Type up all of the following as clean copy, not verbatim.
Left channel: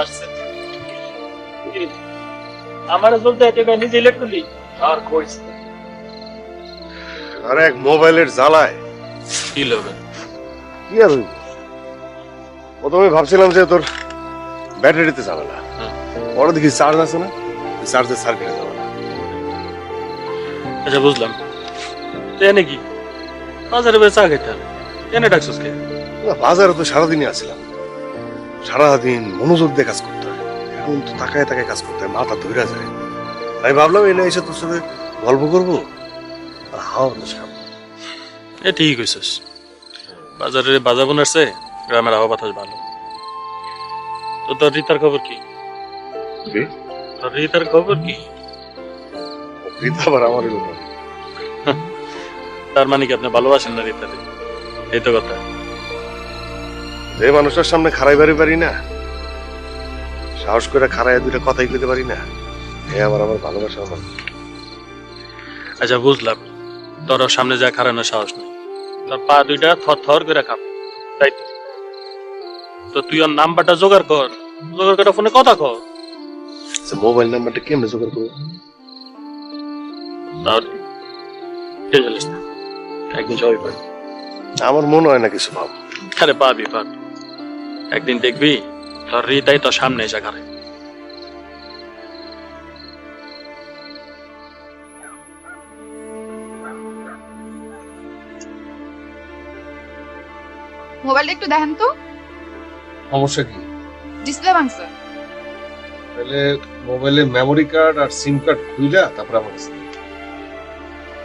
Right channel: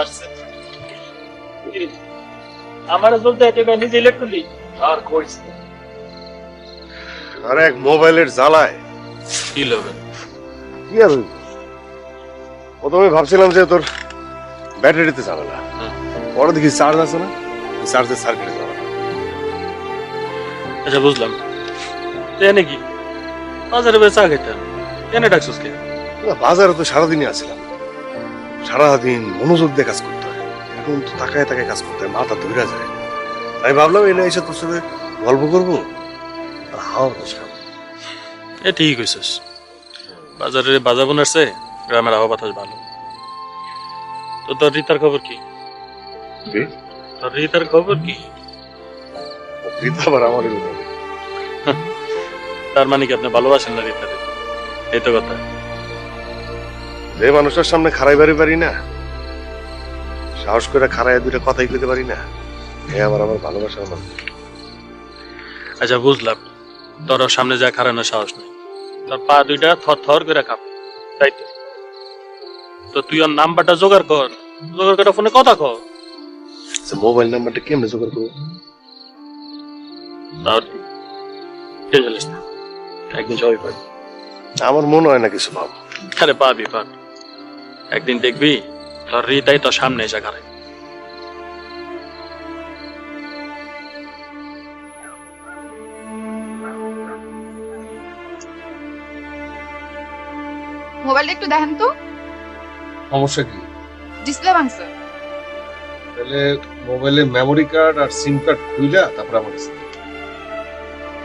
আসছে আমার বলতে এটা কেন নিজে ইলেক্ট করলি আর কইস না। আরে এক মোবাইলের জ্বালায় কি লবে কি আর হইব? প্রথমে ভাবছিলাম যে তোর ব্যাটারিতে যাবে না, পরে দেখি চার্জ আছে না, চার্জের সার্কিটে যাবে না। আচ্ছা বুঝলাম তো এনে কি বাজারে বেচা চা খেতাম এনে ডাকছিস কে না, বাজারে তো সারাদিনই আছিলাম, সারাদিন মনোযোগ দিয়ে কাজ করতে হয়, এখন তো তাকায় তাকায় কাজ করতে হয়, মাথা ধরে যায়। আমি ভাবলাম এনে এসে তোর সাথে গল্প করবো আর হাওয়া বাতাস খাবো। এ ঠিক কইছিস বাজারে বাজার বোনারছে গ্রামের আবহাওয়া বাতাস ভালো তো তোর রিতার খবর কি তোর রিতার খবর কি রীতা আবার আমারই কথা। তার মানে কি আপনি ভালোবাসেন না রিতারে এই তো কথা যে মানুষের সামনে খাড়াইবারই পারি না, সাহস করে খাড়াই দুইটা কথাই কইতে পারি না, এ আবার আমার ভালোবাসার মানুষ। আচ্ছা বুঝলাম তোর ওর সামনে যা খারানোর সাহস নেই তোর পা দুইটা থর থর করে কাঁপে তাই তো তো তুই ওর নাম্বারটা জোগাড় কর জোগাড় করে ফোনে কথা কর মোবাইল নাম্বারটা কেমনে জোগাড় করবো? তাহলে টেনশন না একদিন সবাই পাবি আমার মনে হয় না কিছু ভাব। আরে পাবি একদিন দেখবি তোর রিতাই তোর সামনে এসে খারাই মোবাইলটা একটু দেখেন তো সমস্যা কি? ডিসপ্লে ভাঙছে তাহলে মোবাইলে মেমোরি কার্ড আর সিম কার্ড খুইলা তারপর আমার কাছে দে।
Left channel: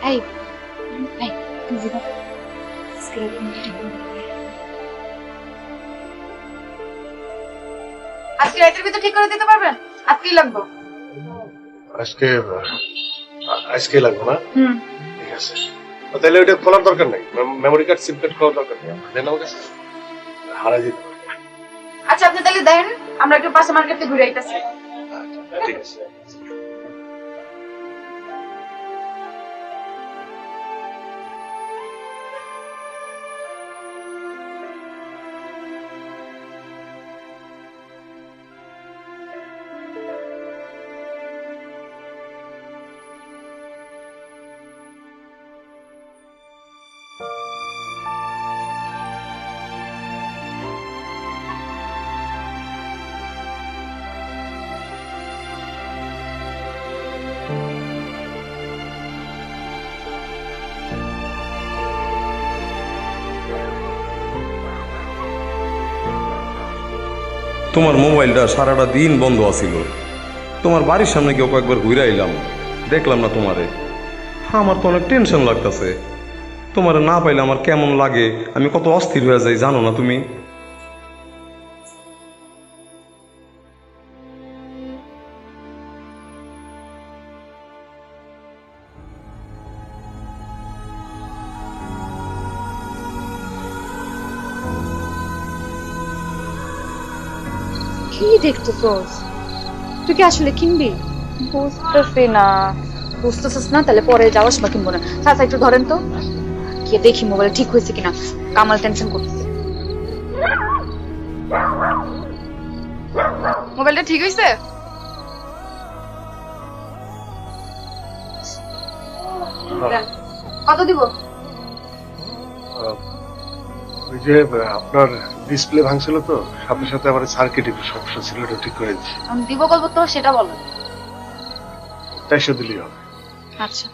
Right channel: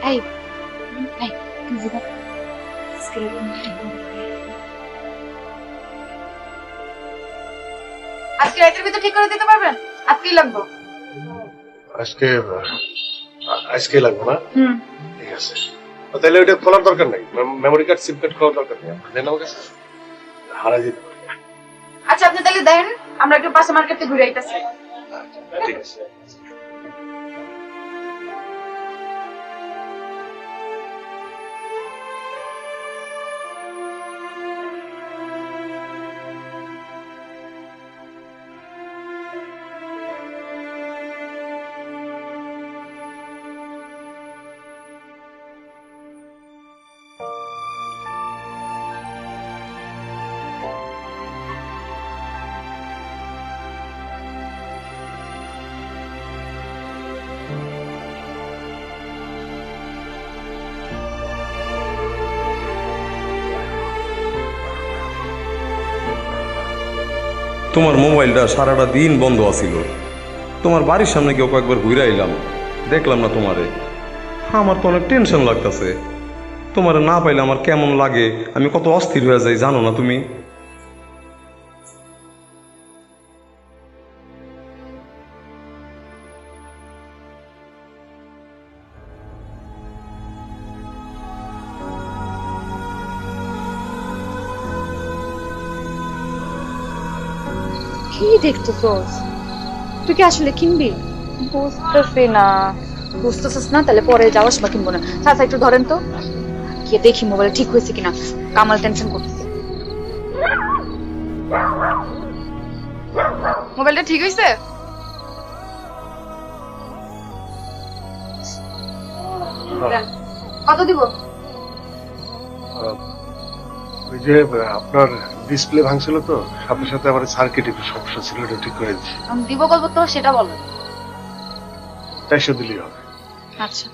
এই আজকে রাতের ভিতর ঠিক করে দিতে পারবেন? আজকেই লাগবে। আজকে আজকে লাগবে না? ঠিক আছে, তাহলে ওইটা খোলার দরকার নাই, মেমোরি কার্ড সিম কার্ড খোলার দরকার নেই, দেন আমার কাছে হারাই যেতে পারে। আচ্ছা আপনি তাহলে দেন, আমরা একটু পাশে মার্কেটে ঘুরে আইতাছি। ঠিক আছে। তোমার মোবাইলটা সারাটা দিন বন্ধ আছিল, তোমার বাড়ির সামনে গিয়ে কয়েকবার ঘুরে আইলাম, দেখলাম না তোমারে। আমার তো অনেক টেনশন লাগতেছে, তোমারে না পাইলে আমার কেমন লাগে, আমি কত অস্থির হয়ে যাই জানো না তুমি? কি দেখতেছস? তুই কি আসলে কিনবি? বুঝতেছি না। বুঝতেছস না? তাহলে পরে যাওয়ার সময় কিনবো না। চাচা একটু ধরেন তো, গিয়ে দেখি মোবাইল ঠিক হয়েছে কিনা। কামাল টেনশন করতেছে। মোবাইলটা ঠিক হয়েছে? কত দিব? ওই যে আপনার ডিসপ্লে ভাঙছিল তো, সাথে সাথে আমার সার্কিট একটু সমস্যা ছিল, এটা ঠিক করে দিচ্ছি। আমি দিব বলবো তো সেটা বলো। 400 দিলেই হবে। আচ্ছা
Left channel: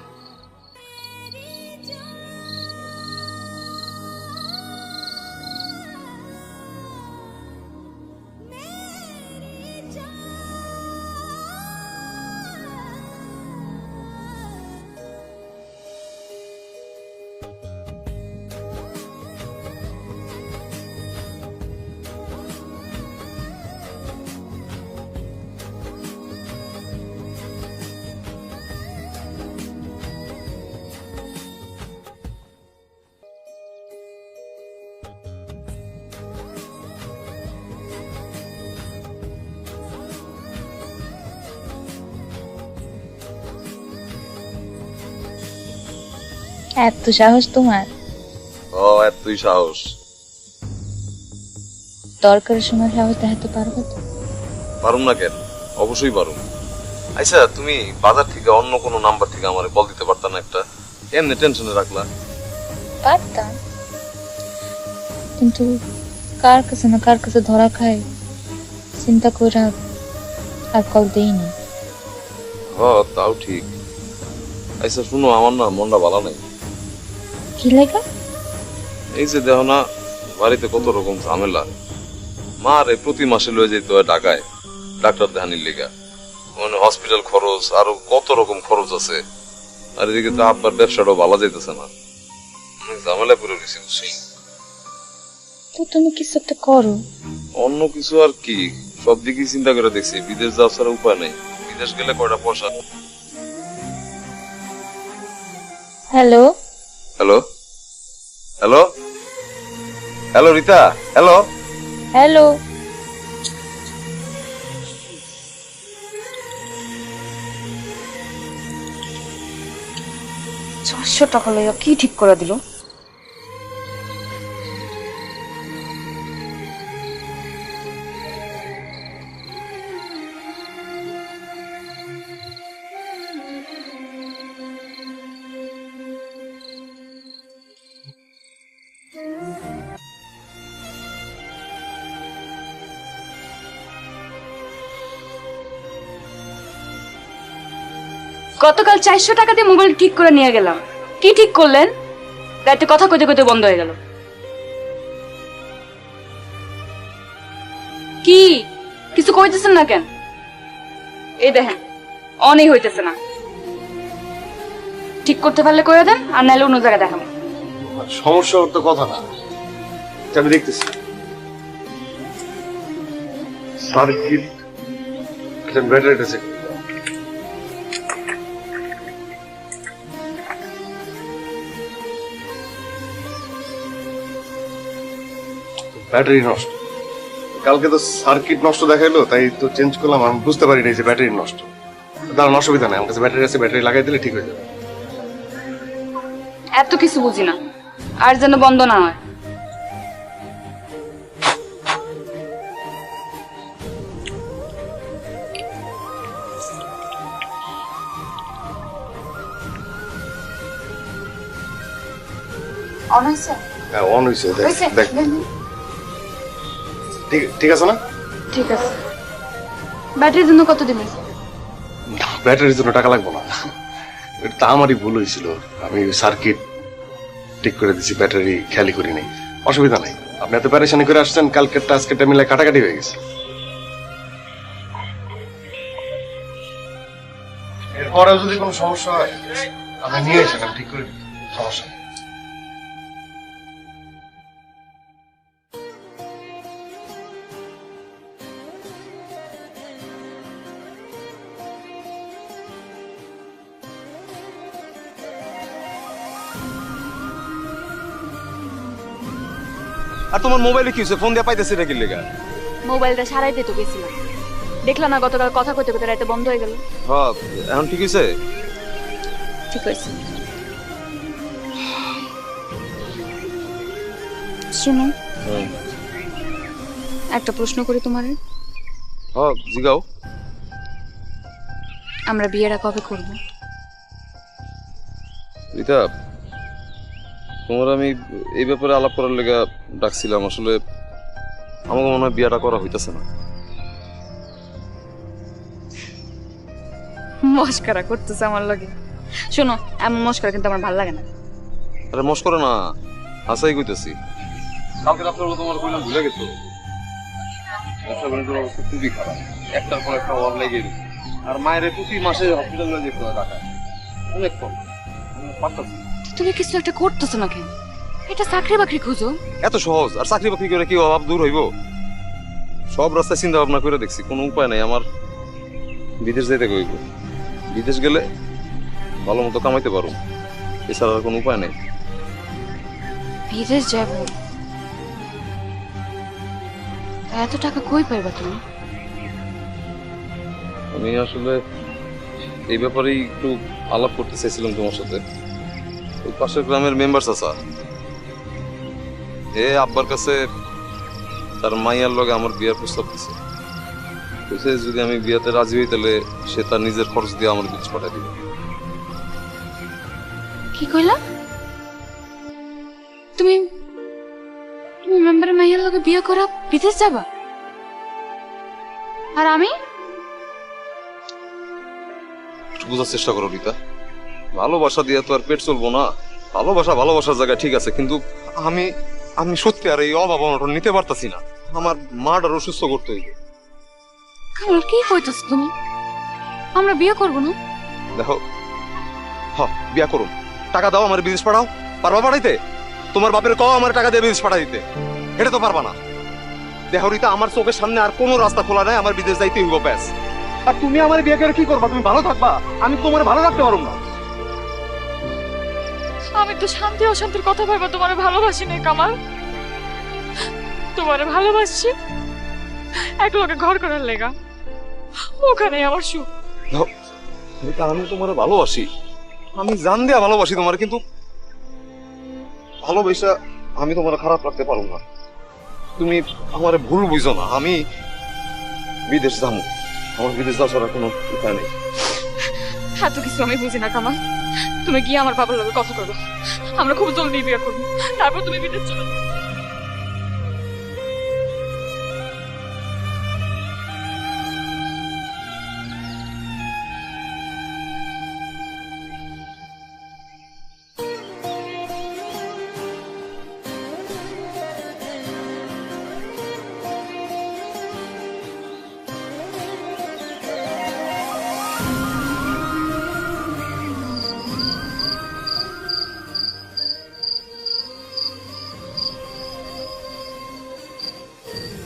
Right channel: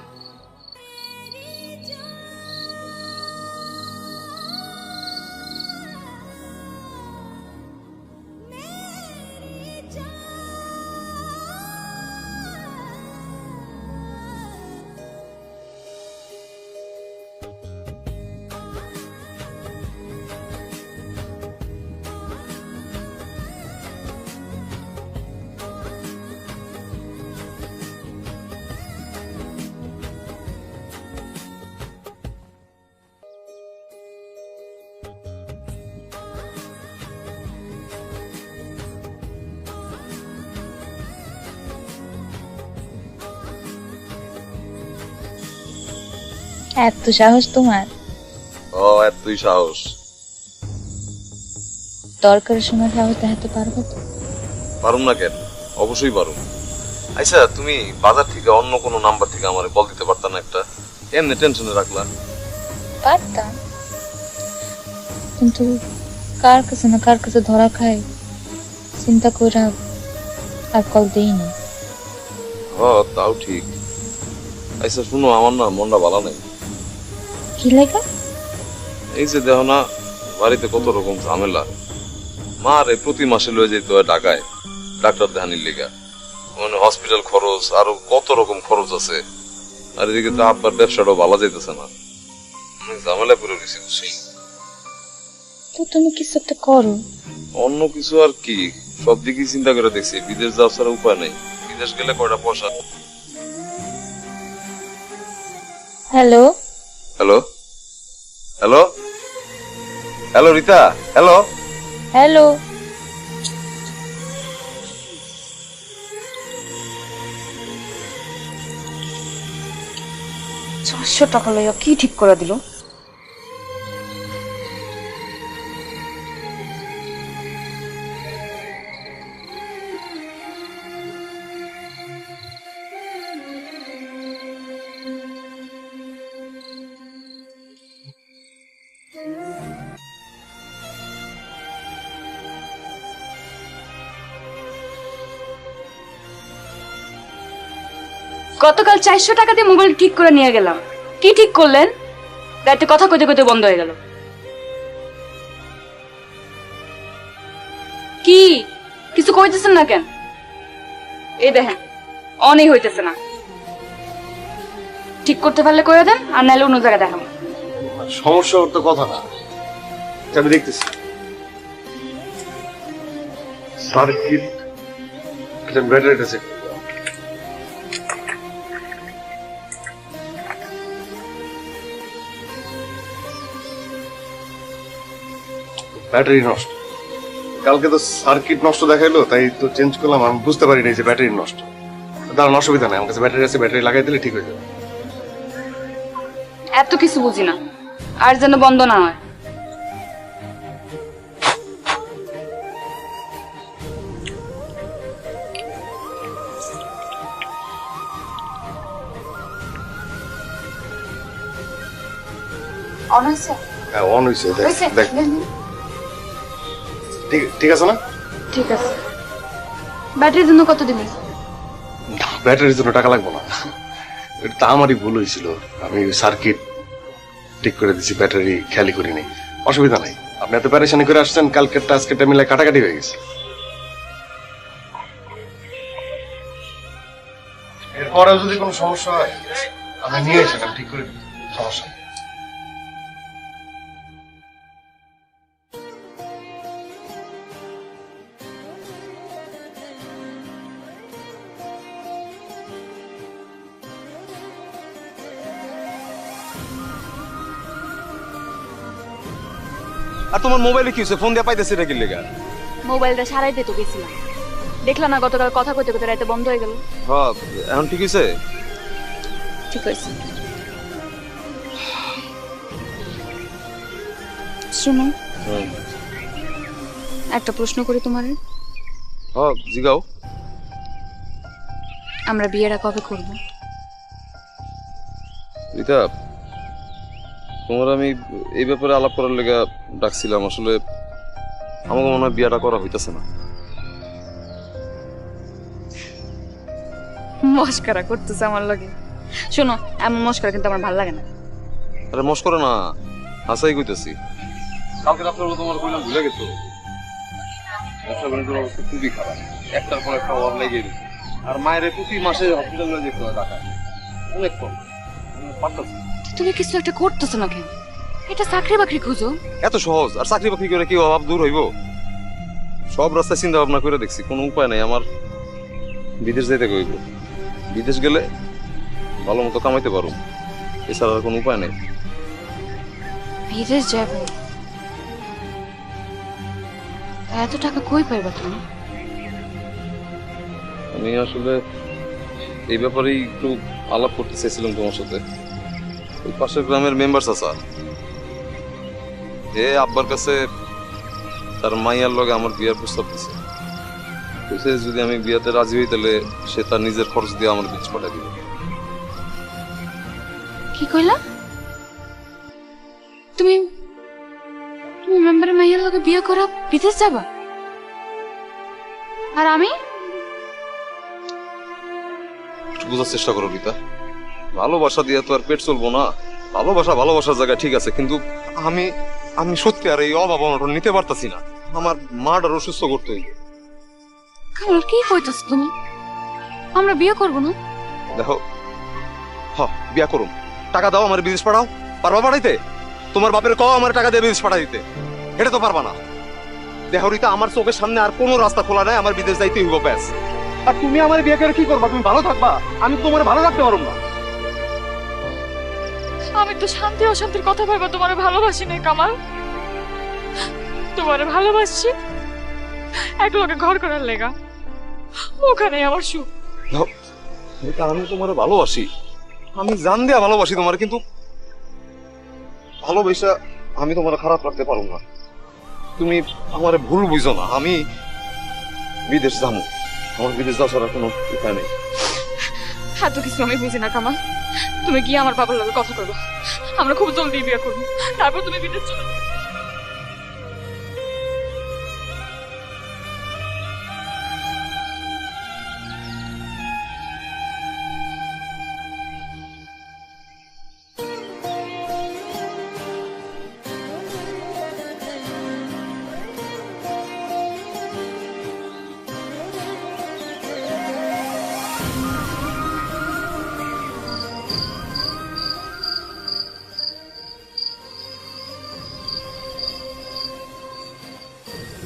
এত সাহস তোমার? ও এতই সাহস? দরকারের সময় সাহস দেখাতে পারবো তো? পারুম না কেন, অবশ্যই পারুম। আচ্ছা, তুমি বাজার থেকে অন্য কোনো নাম্বার থেকে আমারে কল দিতে পারতা না একটা? এমনি টেনশনে রাখলা। পারতাম, কিন্তু কার কাছে না কার কাছে ধরা খাই চিন্তা করে আর কল দেইনি। হ, তাও ঠিক। আচ্ছা শুনো, আমার না মনটা ভালো নাই। কি লাগা? এই যে দেখো না, বাড়িতে কত রকম ঝামেলা। মা রে প্রতি মাসে লয়ে যেতে হয় ঢাকায় ডাক্তার দেখানির লেগা, মানে হসপিটাল খরচ আরো কত রকম খরচ আছে। আর এদিকে তো আব্বার ব্যবসাটাও ভালো যাইতেছে না, অনেক ঝামেলা করে রয়েছে বুঝছি। তো তুমি কিছু একটা করো। অন্য কিছু আর কি, সব দিকেই চিন্তা করে দেখছি, বিদেশ যাওয়া ছাড়া উপায় নেই। বিদেশ গেলে কয়টা পয়সা। Hello hello hello hello Rita, hello. Hello, 400 টাকা লইয়া কি ঠিক করে দিল? গতকাল 400 টাকা দিয়ে মোবাইল ঠিক করে নিয়ে গেলাম। কি ঠিক করলেন? রাতে কথা কইতে কইতে বন্ধ হয়ে গেল। কি কিছু কইতেছেন না কেন? এই দেখেন, অনই হইতেছে না। ঠিক করতে পারলে কইয়া দেন, আর নাইলে অন্য জায়গায় দেখাবো। সমস্যা ওর তো কথা না, এটা আমি দেখতেছি। সার্কিট ব্যাটারিটা চেক, ব্যাটারি নষ্ট। কালকে তো সার্কিট নষ্ট দেখাইলো, তাই তো চেঞ্জ করলাম। আমি বুঝতে পারি নাই যে ব্যাটারি নষ্ট। দাঁড়ান, অসুবিধা নাই, আমার কাছে ব্যাটারি আছে, ব্যাটারি লাগাই দিলে ঠিক হয়ে যাবে। এত কিছু বুঝি না, আর যেন বন্ধ না হয়। অন হয়েছে? হ্যাঁ, অন হয়েছে। হয়েছে? দেখ, ঠিক আছে না? ঠিক আছে। ব্যাটারির জন্য কত দিবেন? ব্যাটারির জন্য টাকা লাগবে না, এটা তো আমারই ভুল হয়েছিল। আমি সার্কিট ঠিক করে দিছি, ব্যাটারি খেয়ালই করি নাই। অসুবিধা নাই, আপনি এত প্যারেশানি করে আসছেন, কালকেরটা আজকেরটা মিলে কাটাকাটি হয়ে গেছে। এরপরেও যদি কোনো সমস্যা হয় আপনি নিয়ে এসেন, আমি ঠিক করে দিই, সমস্যা নেই। আর তোমার মোবাইলে কি হয়েছে? ফোন দিয়ে পাইতেছি না কি লেগা? মোবাইলটা সারাই দিতে গেছিলাম, দেখলাম না গতকাল কথা কইতে কইতে রাতে বন্ধ হয়ে গেল। হ্যাঁ, এখন ঠিক হয়েছে। ঠিক হয়েছে। শুনো, একটা প্রশ্ন করি তোমারে। হ্যাঁ, জিগাও। আমরা বিয়েটা কবে করব? রিতা, তোমার আমি এই ব্যাপারে আলাপ করার লেগে ডাকছিলাম। আসলে আমাকে মনে হয় বিয়েটা করা হইতেছে না। মস্করা করতেছে আমার লগে। শোনো, এমন মস্করা কিন্তু আমার ভালো লাগে না। আরে মস্করা না, হাসাই কইতেছি। কালকে রাত্রে তোমার কইলাম ভুলে গেছো, ব্যবসা বাণিজ্যের অবস্থা খুবই খারাপ, একটার পর একটা ওয়ার লেগে গেছে। আর মায়ের প্রতি মাসে হসপিটালে যেতে হয় ঢাকায়, অনেক কম। পারতাছি। তুমি কিছু একটা করতেছো না কেন? এটা চাকরি বাকরি খুঁজো। এত সহজ? আর চাকরি বাকরি করে কি অভাব দূর হইব? সব রাস্তায় চিন্তা ভাবনা করে দেখছি, কোনো উপায় নাই। আমার বিদেশ যেতে হইব, বিদেশ গেলে ভালো মতো কামাইতে পারো, এছাড়া আর কোনো উপায় নেই। বিদেশ যাব? এত টাকা কই পাইবা তুমি? আমি আসলে এই ব্যাপারেই একটু আলাপ করতে চাইছিলাম তোমার সাথে। ওই পাশের গ্রামের মেম্বার চাচা, আব্বার কাছে তার মাইয়ার লগে আমার বিয়ের প্রস্তাব দিছে। কইছে যদি আমি বিয়াতে রাজি হই তাহলে সে তার নিজের খরচ দিয়ে আমার বিদেশ পাঠাই দিবে। কি কইলা? তুমি তুমি মেম্বারের মাইয়ার লগে বিয়ে করা বিদেশ যাবা? আর আমি? একটু বোঝার চেষ্টা করো রীতা, ভালোবাসা দিয়ে তো আর পেট চলবো না। ভালোবাসা ভালোবাসার জায়গায় ঠিক আছে, কিন্তু আমি আমি সত্যি আর এই অভাব অনটন নিতে পারতাছি না। আমার মাটার অসুস্থ করতে হইবে। কামাল কি কইতাছ তুমি? আমরা বিয়ে করব না? দেখো, বিয়া করুম, টাকা দাও আমার বিদেশ পাঠাও। পারবা পাঠাইতে? তোমার বাপের কও আমার টাকা দিয়ে বিদেশ পাঠাই দিতে। এটা তো পারবা না। দেখো রীতা, আমার চোখের সামনে আর কোনো রাস্তা খোলা নাই, আমার বিদেশ যাইতে হইব ব্যাস। আর তুমি আমার বিয়ে করে কি করবা? তুমি ভালো থাকবা, আমি তোমার ভালো থাকতে পারব না। আমি তো শান্তি অশান্তির কথা ভাইবা তোমারে ভালোবাসি না কামাল। তোমারে ভালোবাসছি এক লগে ঘর করার লেগা, ওখানে আমার সুখ। রীতা, আমি তোমার ভালোবাসি, আমি জান দিয়া ভালোবাসি তোমার, কিন্তু ভালোবাসা আমি তোমার খারাপ রাখতে পারবো না। তুমি আমার ভুল বুঝো না, আমি বিদেশ যাবো। আমার বিদেশ যাওয়া ছাড়া কোনো উপায় নেই। এত কিছু আমি বুঝি না কামাল। তুমি গিয়ে আমার বাবার লগে কথা করবো, আমরা খুব জলদি বিয়ে করবো, তারপর তুমি বিদেশ চলে যাবে।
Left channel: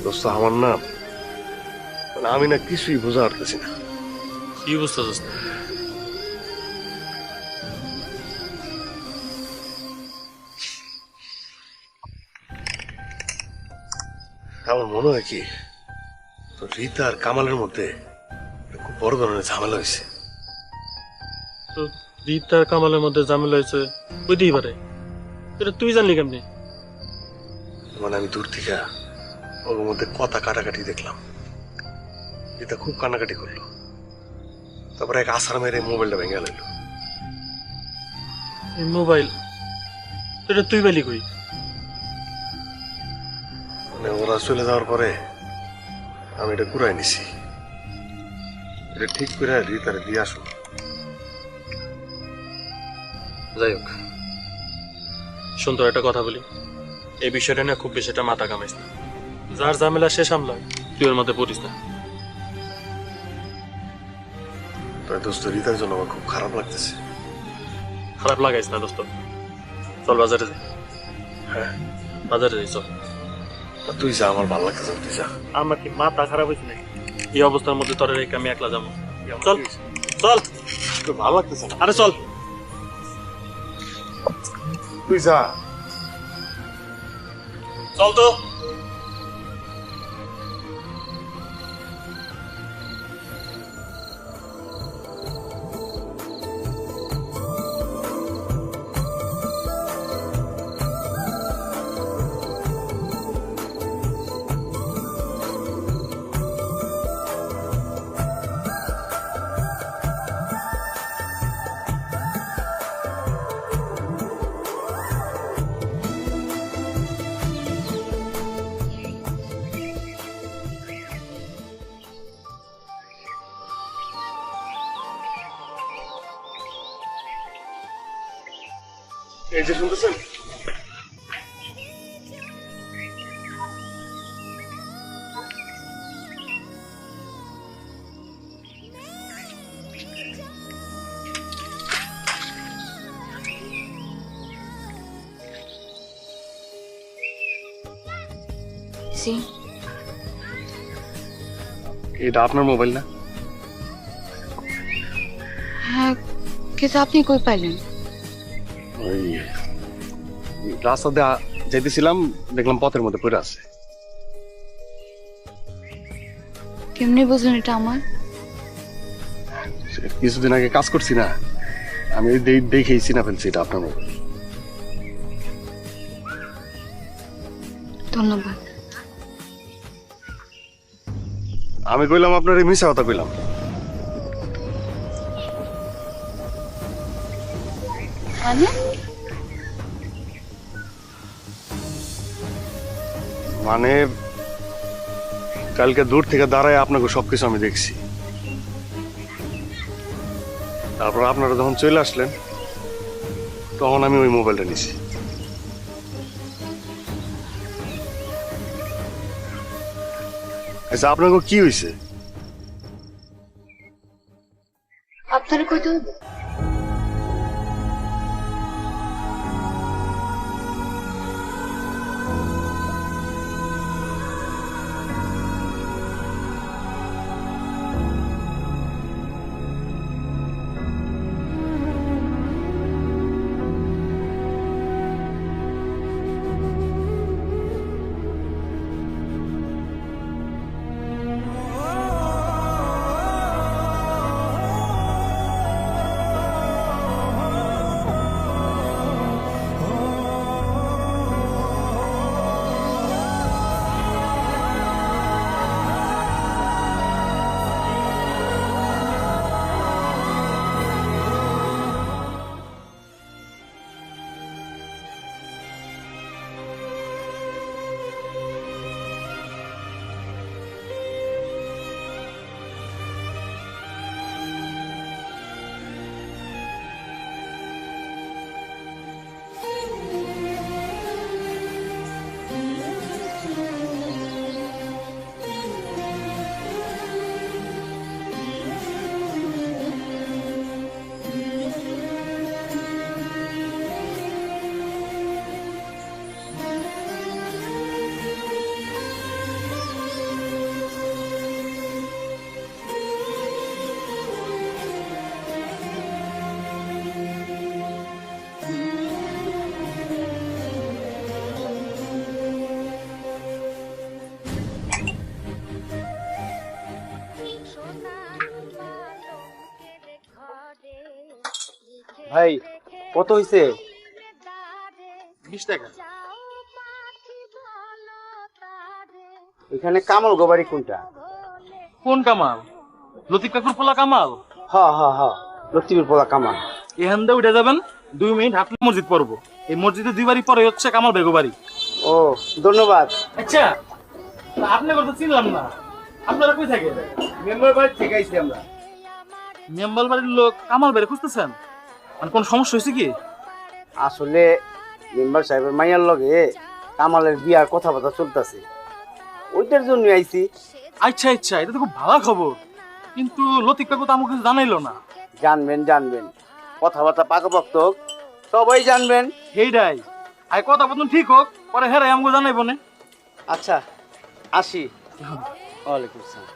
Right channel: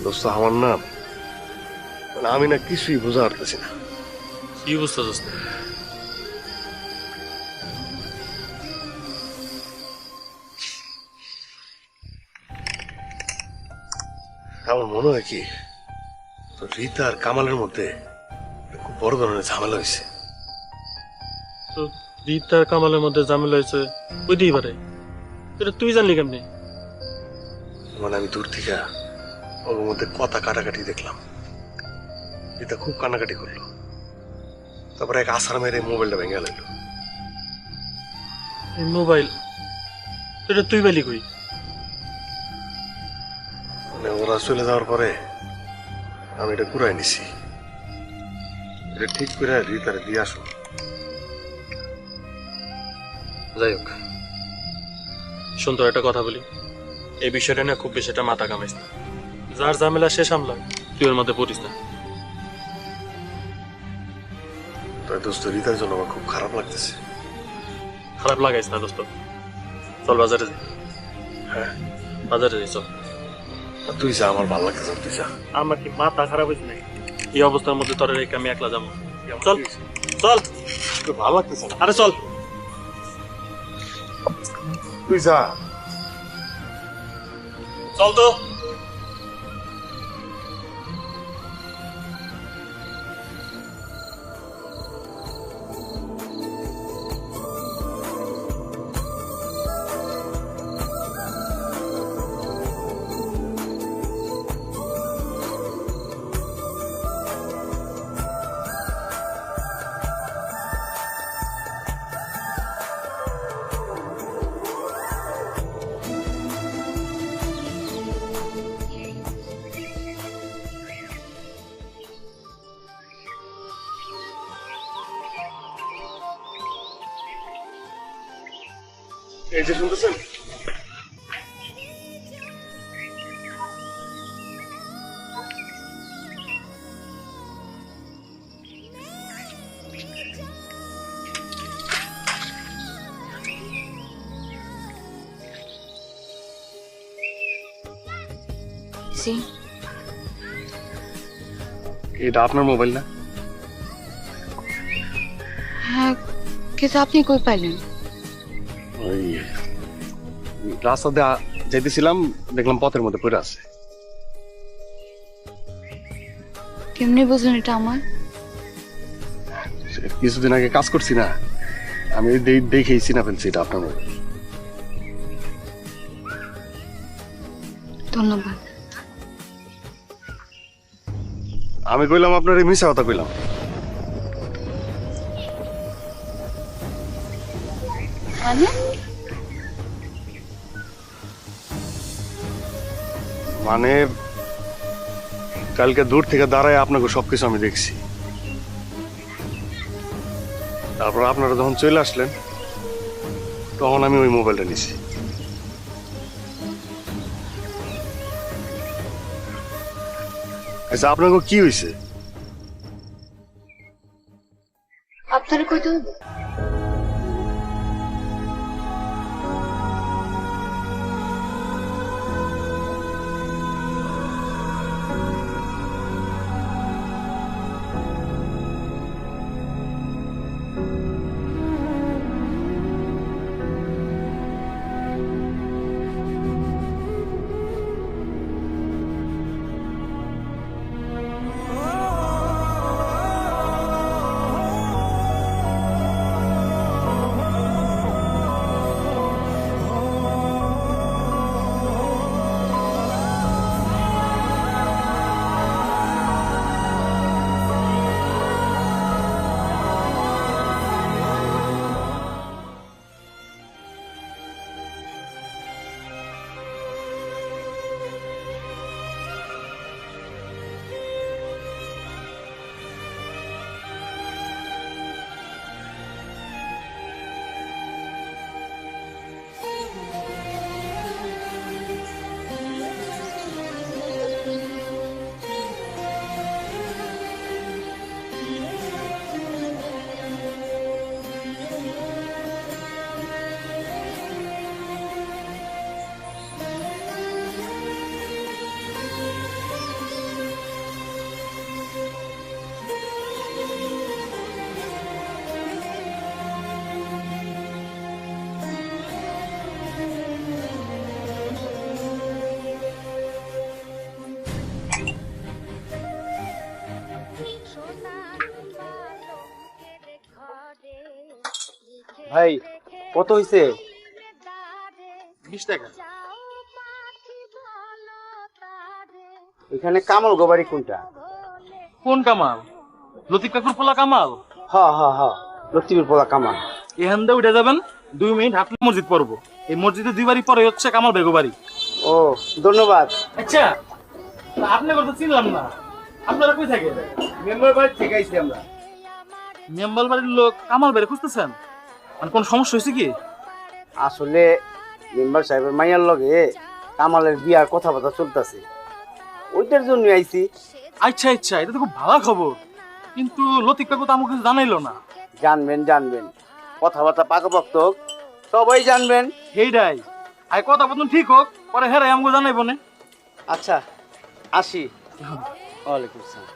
দোস্ত আমার না, মানে আমি না কিছুই বোঝা পারতেছি না। কি বুঝতেছিস? আমার মনে হয় কি, তো রীতা আর কামালের মধ্যে খুব বড় ধরনের ঝামেলা হয়েছে। তো রীতার কামালের মধ্যে ঝামেলা হয়েছে ওইতেই পারে, এটা তুই জানলি কেমনি? মানে আমি দূর থেকে ওর মধ্যে কথা কাটাকাটি দেখলাম। রীতা খুব কান্নাকাটি করলো, তারপরে এক আসার মেরে মোবাইলটা ভেঙে গেল। এই মোবাইল, এটা তুই পেলি কই? মানে ওরা চলে যাওয়ার পরে আমি এটা কুড়াই নিছি। এটা ঠিক করে রীতারে দিয়ে আসো। যাই হোক, শোন তোর একটা কথা বলি, এই বিষয়টা নিয়ে খুব বেশি একটা মাথা কামাইস না। যার ঝামেলা সে সামলায়, তুই ওর মধ্যে পড়িস না। তাই দোস্ত, রীতার জন্য আমার খুব খারাপ লাগতেছে। খারাপ লাগাইস না দোস্ত, চল বাজারে যাই। হ্যাঁ, বাজারে যাই চল। আর তুই যা, আমার ভালো লাগতেছে, তুই যা। আমার কি মাথা খারাপ হয়েছে নাকি? এই অবস্থার মধ্যে তোর রেখে আমি একলা যাবো? চল চল, তোর ভালো লাগতেছে না? আরে চল। তুই যা। চল তো। এই যে শুনতেছেন, জি, এটা আপনার মোবাইল না? হ্যাঁ, কিন্তু আপনি কই পাইলেন? ওই রাস্তা দিয়ে যাইতেছিলাম, দেখলাম পথের মধ্যে পড়ে আছে। কেমনে বুঝলেন এটা আমার? কিছুদিন আগে কাজ করছি না, আমি দেখেই চিনা ফেলছি এটা আপনার মোবাইল। ধন্যবাদ। আমি কইলাম আপনার এই মিশা কথা কইলাম। মানে মানে কালকে দূর থেকে দাঁড়ায় আপনাকে সবকিছু আমি দেখছি, তারপর আপনারা যখন চলে আসলেন তখন আমি ওই মোবাইলটা নিছি। আচ্ছা আপনাকে কি হয়েছে? আপনারা কইতে হইব? ভাই কত হইছে? 20 টাকা। এখানে কামাল গোবারি কোনটা? কোন কামাল? লতিফ কাকুর পোলা কামাল। হ হ হ, লতিফের পোলা কামাল। এখান দিয়ে উঠে যাবেন, 2 মিনিট হাঁটলে মসজিদ পড়বো। এই মসজিদে 2 বাড়ি পরে হচ্ছে কামাল বেগো বাড়ি। ও ধন্যবাদ। আচ্ছা আপনি কথা চিনলাম না, আপনারা কই থাকেন? মেম্বার বাড়ি থেকে আইছি আমরা। মেম্বার বাড়ির লোক কামাল বেড়ে খুঁজতেছেন? মানে কোন সমস্যা হয়েছে কি? আসলে মেম্বার সাহেবের মাইয়ার লগে কামালের বিয়ার কথাবার্তা চলতেছে, ওইটার জন্য আইছি। আচ্ছা আচ্ছা, এটা তো খুব ভালো খবর, কিন্তু লতিফ কাকু তো আমাকে কিছু জানাইলো না। জানবেন জানবেন, কথাবার্তা পাকাপোক্ত হোক, সবাই জানবেন। সেইটাই, আর কথা বলুন ঠিক হোক, পরে হেরাই আমাকে জানাইব না। আচ্ছা আসি। ওয়ালাইকুম আসসালাম।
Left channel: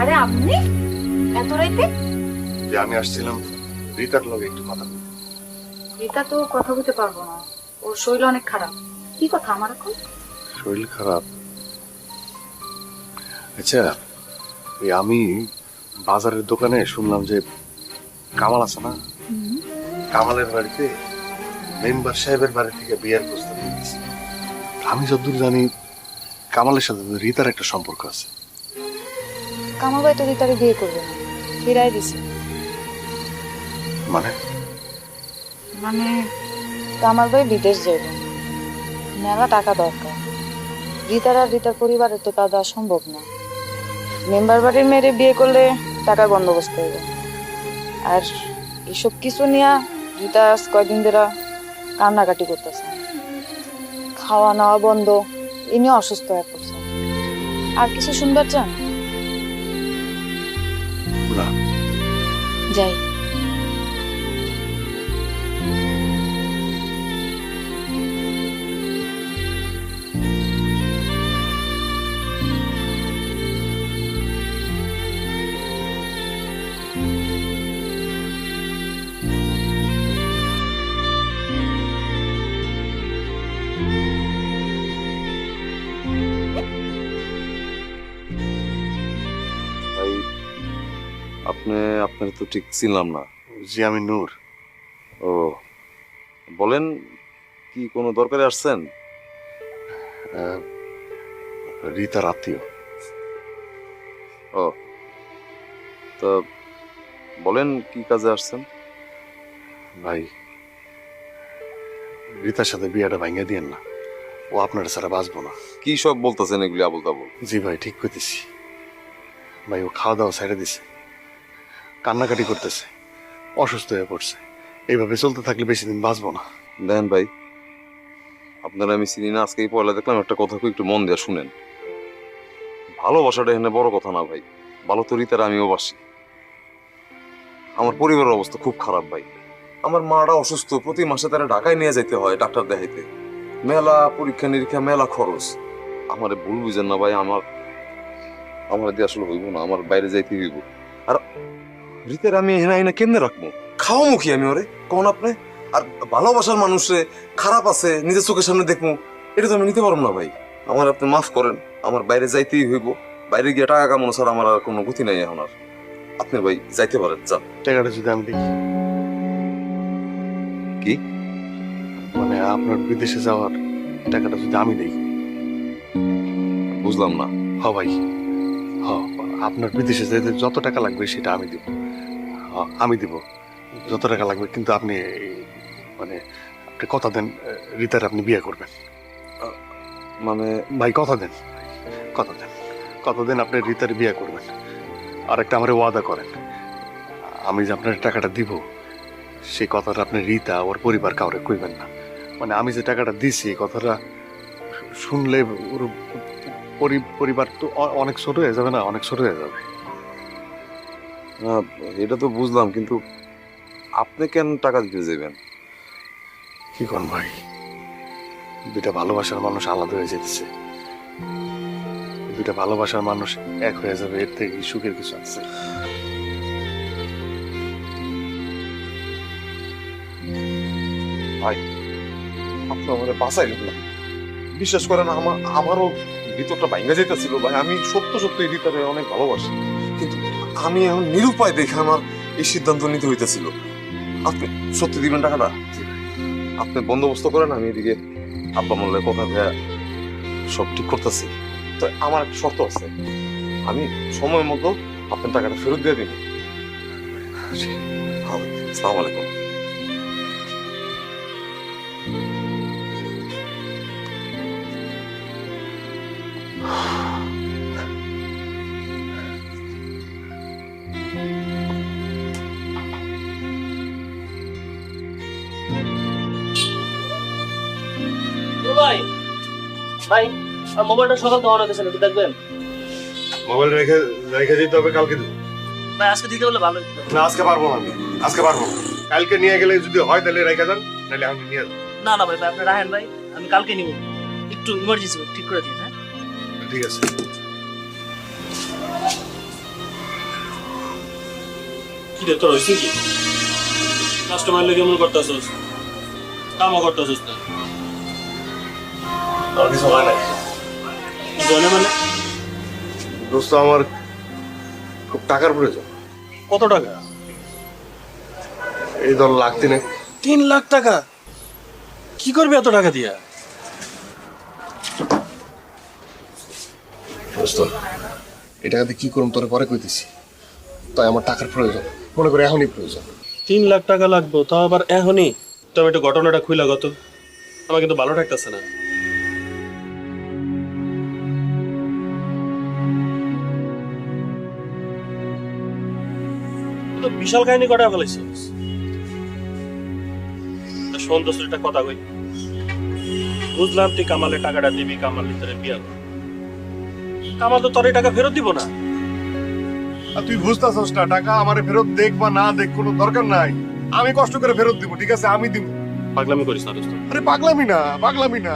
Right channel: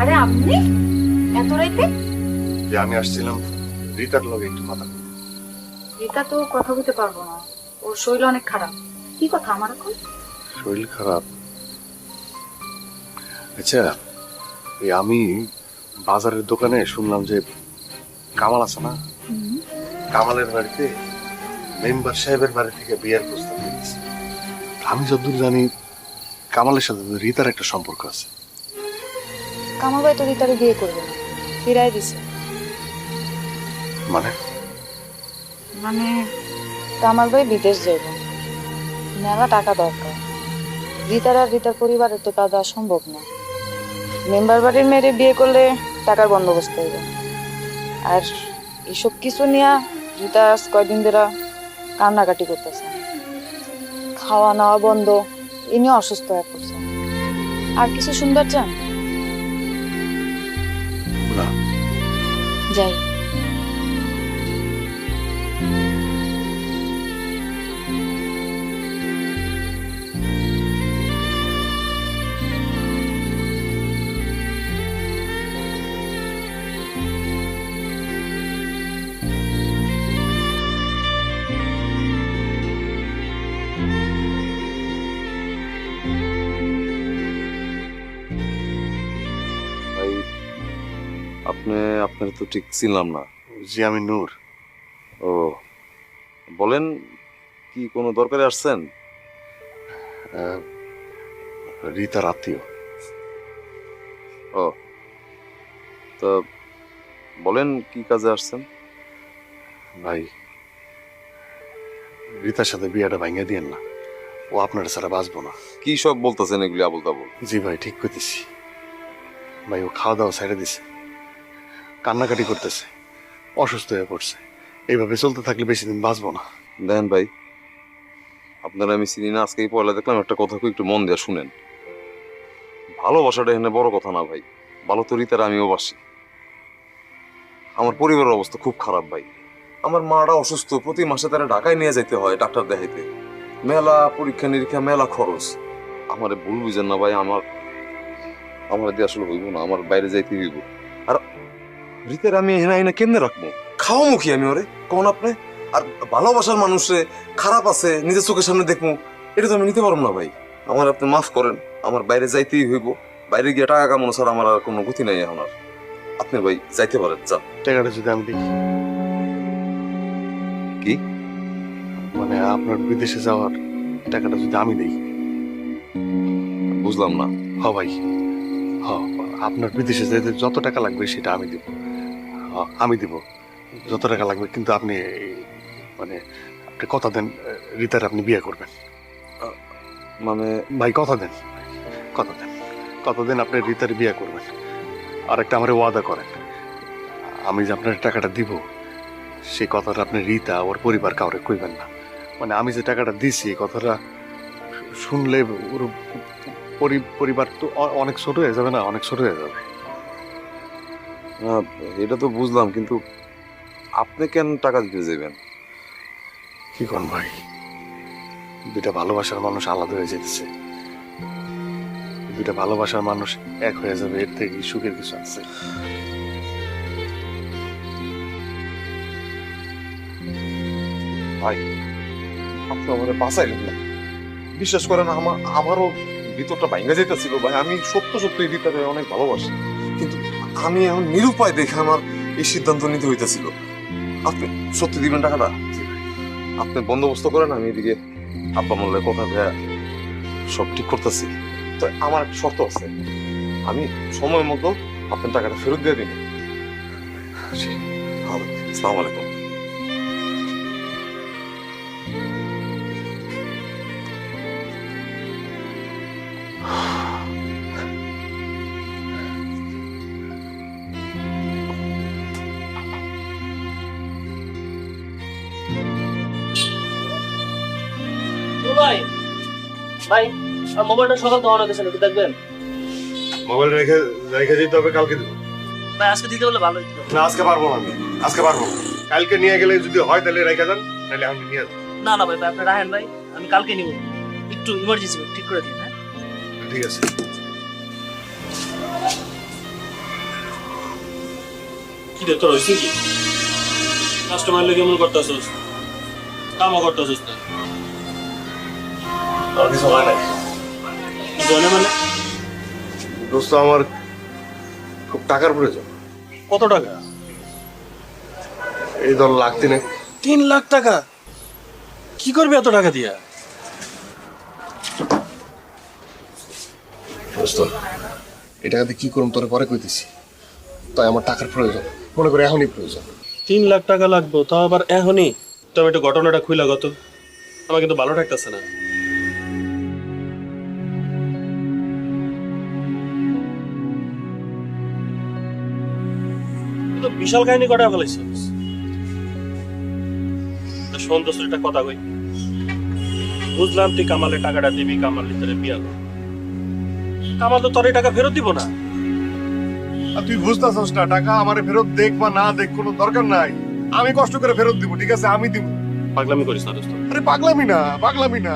আরে আপনি এত রাইতে? যে আমি আসছিলাম রিতার লগে একটু কথা বলতে। রিতা তো কথা বলতে পারবো না, ওর শরীর অনেক খারাপ। কি কথা আমার এখন? শরীর খারাপ? আচ্ছা এই আমি বাজারের দোকানে শুনলাম যে কামাল আছে না, কামালের বাড়িতে মেম্বার সাহেবের বাড়ি থেকে বিয়ের প্রস্তাব দিয়েছে। আমি যতদূর জানি কামালের সাথে রিতার একটা সম্পর্ক আছে। কামাল ভাই তো রিতারে বিয়ে করবে না, ফিরাই দিছে। মানে মানে কামাল ভাই বিদেশ যাইবে, মেলা টাকা দরকার। রিতার আর রিতার পরিবারের তো তা দেওয়া সম্ভব না। মেম্বার বাড়ির মেয়েরে বিয়ে করলে টাকার বন্দোবস্ত হইবে। আর এসব কিছু নিয়ে রিতা কয়দিন ধরে কান্নাকাটি করতেছে। খাওয়া নাওয়া বন্ধ, ইনি অসুস্থ হয়ে পড়ছে। আর কিছু শুনবার চান? না। যাই। ভাই আপনার তো ঠিক চিনলাম না। জি আমি নূর। ও বলেন, কি কোনো দরকারে আসছেন? রীতার আত্মীয়। ও তা বলেন কি কাজে আসছেন? ভাই রীতার সাথে বিয়েটা ভাঙিয়ে দিয়েন না, ও আপনার ছাড়া বাঁচবো না। কি সব বলতেছেন এগুলি আবল তাবল? জি ভাই ঠিক করতেছি ভাই, ও খাওয়া দাওয়া ছেড়ে দিছে, কান্নাকাটি করতেছে, অসুস্থ হয়ে পড়ছে। এইভাবে চলতে থাকলে বেশি দিন বাঁচবো না। দেখেন ভাই, আপনারা আমি চিনি না, আজকে এই পয়লা দেখলাম, একটা কথা একটু মন দিয়ে শুনেন। ভালোবাসাটা এখানে বড় কথা না ভাই, ভালো তো রীতার আমিও বাসি। আমার পরিবারের অবস্থা খুব খারাপ ভাই। আমার মাটা অসুস্থ, প্রতি মাসে তারা ঢাকায় নিয়ে যেতে হয় ডাক্তার দেখাইতে, মেলা পরীক্ষা নিরীক্ষা, মেলা খরচ। আমারে ভুল বুঝেন না ভাই, আমার দিয়ে আসলে হইব না, আমার বাইরে যাইতে হইব। আর রীতার আমি এনে কেমনে রাখবো, খাওয়া মুখী আমি ওরে কোন আপনি? আর ভালোবাসার মানুষে খারাপ আছে নিজের চোখের সামনে দেখবো, এটা তো আমি নিতে পারবো না ভাই। আমার আপনি মাফ করেন, আমার বাইরে যাইতেই হইব, বাইরে গিয়ে টাকা কামানো ছাড়া আমার আর কোনো গতি নাই এখন আর। আপনি ভাই যাইতে পারেন, যান। টাকাটা যদি আমি দেখি। কি মানে আপনার বিদেশে যাওয়ার টাকাটা যদি আমি দেই? বুঝলাম না। হ ভাই, হ, আপনার বিদেশে যেতে যত টাকা লাগবে সেটা আমি দিব। আমি দিব যত টাকা লাগবে, কিন্তু আপনি মানে আপনি কথা দেন রীতার আপনি বিয়ে করবেন। মানে ভাই কথা দেন, কথা দেন, কথা দেন আপনি রীতার বিয়ে করবেন। আর একটা আমার ওয়াদা করেন, আমি যে আপনার টাকাটা দিব সেই কথাটা আপনি রীতা ওর পরিবার কাউরে কইবেন না। মানে আমি যে টাকাটা দিছি এই কথাটা শুনলে ওর পরিবার তো অনেক ছোট হয়ে যাবে না, অনেক ছোট হয়ে যাবে। এটা তো বুঝলাম, কিন্তু আপনি কেন টাকা দিতে যাবেন? কি কোন ভাই, দুইটা ভালোবাসার মানুষ আলাদা হয়ে যেতেছে, দুইটা ভালোবাসার মানুষ এক হয়ে যাবে, এর থেকে সুখের কিছু আছে? ভাই আপনি আমাদের বাঁচাইলেন না, বিশ্বাস করেন আমারও ভিতরটা ভাঙ্গা যেতেছিল ভাই। আমি সত্যি রীতারে অনেক ভালোবাসি, কিন্তু আমি এখন নিরুপায় দেখে আমার এই সিদ্ধান্ত নিতে হইতেছিল। আপনি সত্যি দিবেন টাকাটা? আপনি বন্দোবস্ত করেন, আমি এদিকে আব্বা মোল্লার কথা ভেয়া সব ঠিক করতেছি। তো আমার একটা শর্ত আছে, আমি সময় মতো আপনার টাকাটা ফেরত দিয়ে দিন। আসসালামু আলাইকুম। ভাই ভাই আর মোবাইলটা সকাল তো অন হতেছে নাকি দেখবেন? মোবাইল রেখে রেখে যেতে হবে, কালকে দেবো। ভাই আজকে দিতে বললে ভালো হতো। না আজকে পারবো না, আমি আজকে পারবো না। কালকে নিয়ে গেলে যদি হয় তাহলে রেখে যান, নাহলে আমি নিয়ে যাবো। না না ভাই ভাই আপনি রাখেন ভাই, আমি কালকে নিব, একটু ইমার্জেন্সি ঠিক করে দিন। হ্যাঁ ঠিক আছে। কি রে তোর হয়েছে কি? কাস্টমার লেগে এমন করতেছিস, কামও করতেছিস না? আর কিছু হয় নাই জনে মানে দোস্ত, আমার খুব টাকার প্রয়োজন। কত টাকা? এই ধর লাখ তিনেক। 3 লাখ টাকা? কি করবি এত টাকা দিয়া? দোস্ত এই টাকাতে কি করুম তোরে পরে কইতেছি, তাই আমার টাকার প্রয়োজন, মনে করে এখনই প্রয়োজন। 3 লাখ টাকা লাগবে, তাও আবার এখনই? তবে একটু ঘটনাটা খুইলা গত, আমার কিন্তু ভালো ঠেকতেছে না। তো বিশাল কাহিনী কটা ফেলাইছিস। শোন তো একটা কথা কই, বুঝলাম তুই কামালে টাকাটা দিবি, কামাল ভিতরে বিয়া করবি। কামাল তো তোর এই টাকা ফেরত দিব না। আর তুই বুঝতেছস না, টাকা আমারে ফেরত দেখ বা না দেখ কোনো দরকার নাই, আমি কষ্ট করে ফেরত দিব, ঠিক আছে? আমি দিব। পাগলামি করিস না দোস্ত। আরে পাগলামি না, পাগলামি না।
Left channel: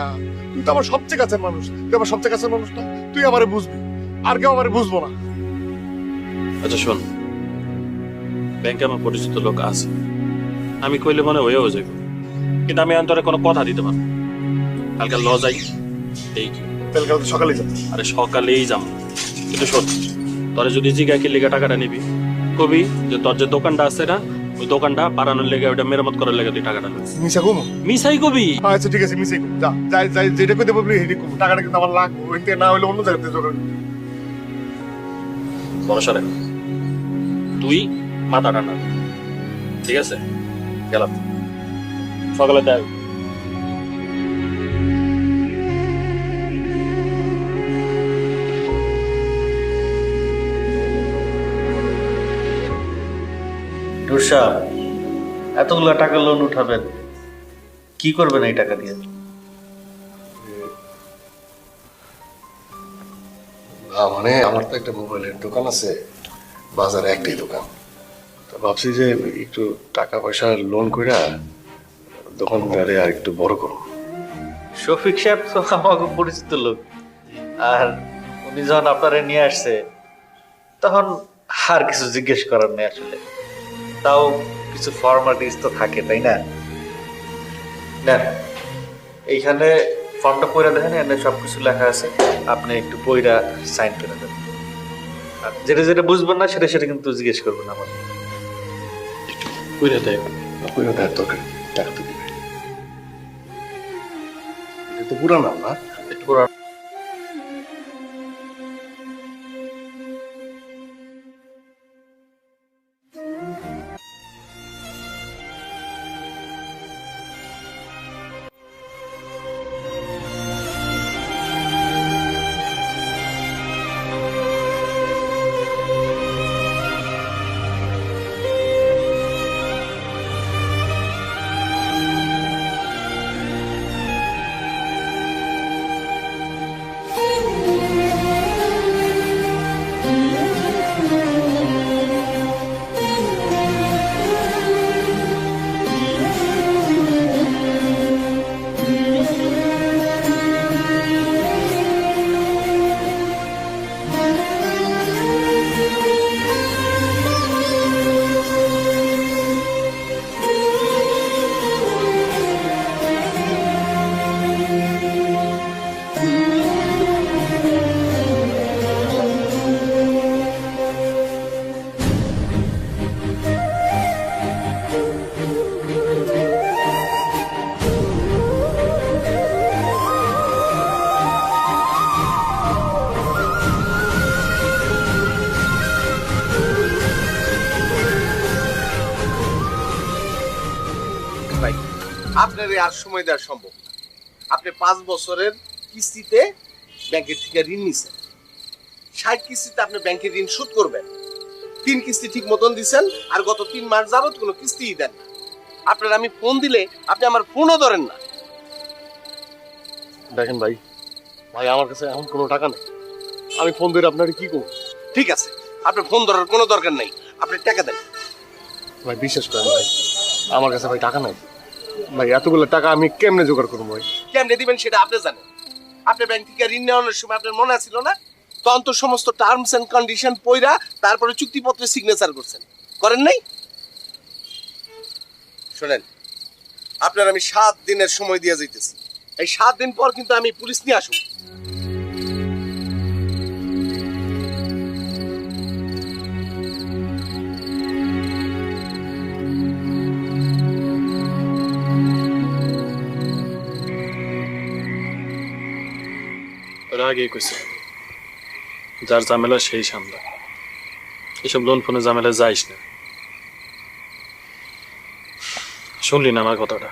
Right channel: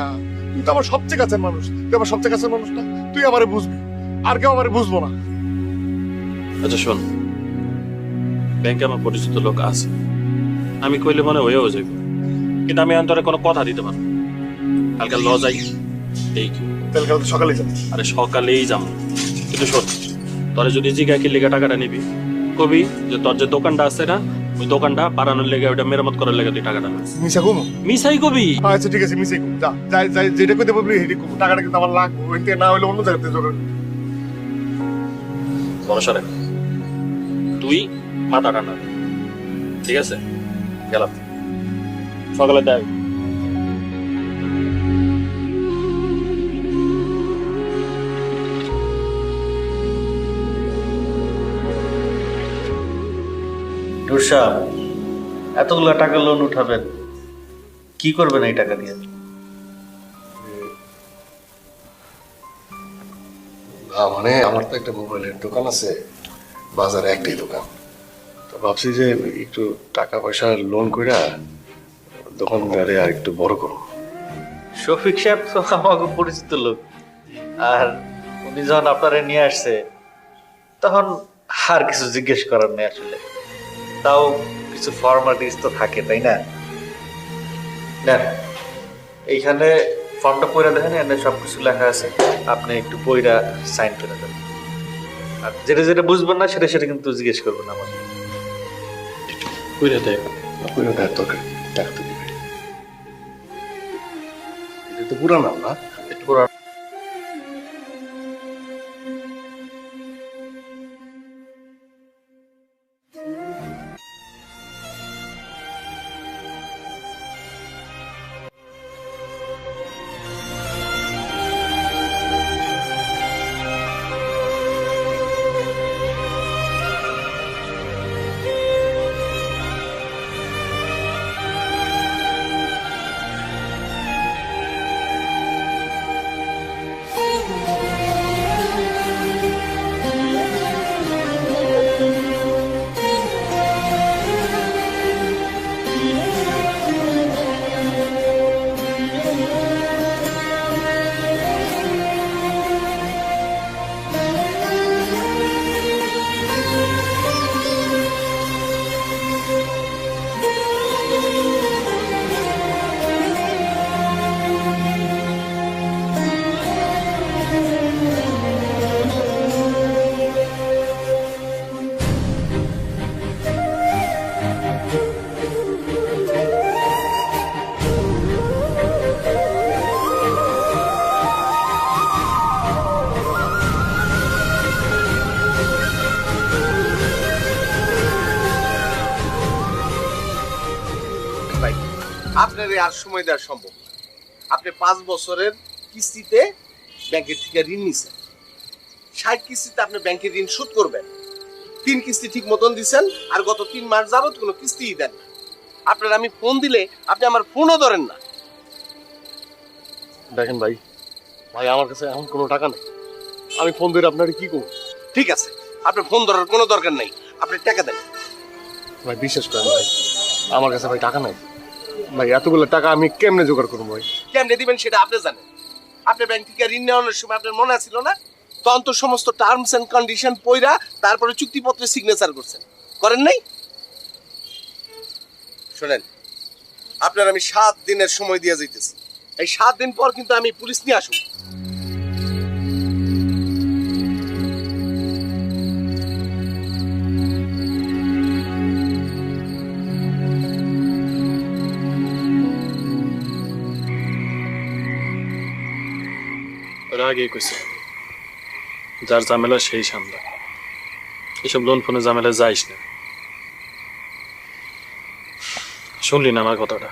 তুই তো আমার সবচেয়ে কাছের মানুষ, তুই আমার সবচেয়ে কাছের মানুষ না, তুই আমারে বুঝবি, আর কেউ আমারে বুঝবো না। আচ্ছা শোন, ব্যাংকে আমার পরিচিত লোক আছে, আমি কইলে মনে হয়েও যাইব, কিন্তু আমি অন্তরে কোনো কথা দিতে পারবো না। কালকে ল যাই, এই কি তাহলে কাল সকালে যাবো। আরে সকালেই যাবো, কিন্তু শোন, তোরে যদি জিগা কি লেগে টাকাটা নিবি, কবি যে তোর যে দোকানটা আছে না, ওই দোকানটা বাড়ানোর লেগে, ওইটা মেরামত করার লেগে তুই টাকাটা নিস। মিশা কমো? মিসাই কবি। আচ্ছা ঠিক আছে, মিশাই কমো, যা যাই যাই, যেটা কইতে বলবি সেটা কমো। টাকাটা কিন্তু আমার লাগবে, ওই থেকে না হলে অন্য জায়গাতে জোগাড়। ভরসা রাখ, তুই মাথা ঠান্ডা কর, ঠিক আছে? গেলাম, সকালে দেখ। রুষা, এতগুলো টাকা লোন উঠাবেন, কি করবেন এই টাকা দিয়ে? মানে আমার তো একটা মোবাইলের দোকান আছে, বাজারে একটাই দোকান, তো ভাবছি যে একটু টাকা পয়সা লোন কইরা দোকানদারে আর একটু বড় করবো। শফিক সাহেব তো আমাকে পরিচিত লোক, আর উনি যখন আপনারা নিয়ে আসছে তখন আর কিছু জিজ্ঞেস করার নেই আসলে। তাও কিছু ফর্মালিটিস তো থাকে, তাই না? নেন, এইখানে ফর্মটা পড়ে দেখেন, এখানে সবকিছু লেখা আছে, আপনি একটু বইটা সাইন করে দেন। আর যেটা যেটা বুঝবেন না সেটা সেটা কিন্তু জিজ্ঞেস করবেন আমাকে। কইরা দেখ। কইরা দেখ, দরকার কি, টাকা তো দিবে। এটা তো পুরানো না? একটু পুরো ভাই, আপনার আর সময় দেওয়া সম্ভব না। আপনি 5 বছরের কিস্তিতে ব্যাংকের থেকে ঋণ নিছেন, 60 কিস্তিতে আপনি ব্যাংকের ঋণ শোধ করবেন। 3 কিস্তি ঠিক মতন দিচ্ছেন, আর গত 3 মাস যাবত কোনো কিস্তিই দেন না। আপনার আমি ফোন দিলে আপনি আমার ফোনও ধরেন না। দেখেন ভাই, ভাই আমার কাছে এখন কোনো টাকা নেই, আমি ফোন ধরে আপনার কি করবো? ঠিক আছে, আপনার ফোন ধরার কোনো দরকার নাই, আপনি টাকা দেন। ভাই বিশ্বাস করেন ভাই, আমার কাছে ভাই টাকা নাই ভাই, এতগুলো টাকা আমি কেমনে জোগাড় করবো ভাই? কেমনে দিবেন সেটা আপনি জানেন। আপনি ব্যাংক থেকে ঋণ নেওয়ানোর সময় আপনার মনে ছিল না? তখন তো সমস্ত টার্মস এন্ড কন্ডিশন পড়া তারপরে চুক্তিপত্রে সিগনেচার করছেন, করেন নাই? শোনেন, আপনার আমি 7 দিনের সময় দিয়ে যাইতেছি, এই 7 দিন পর কিন্তু আমি পুলিশ নিয়ে আসুন। ওরা আগে কইছে, যার ঝামেলা সেই সামলা, এসব লোন ফোনে ঝামেলা যাইস না। শুনলি না আমার কথাটা?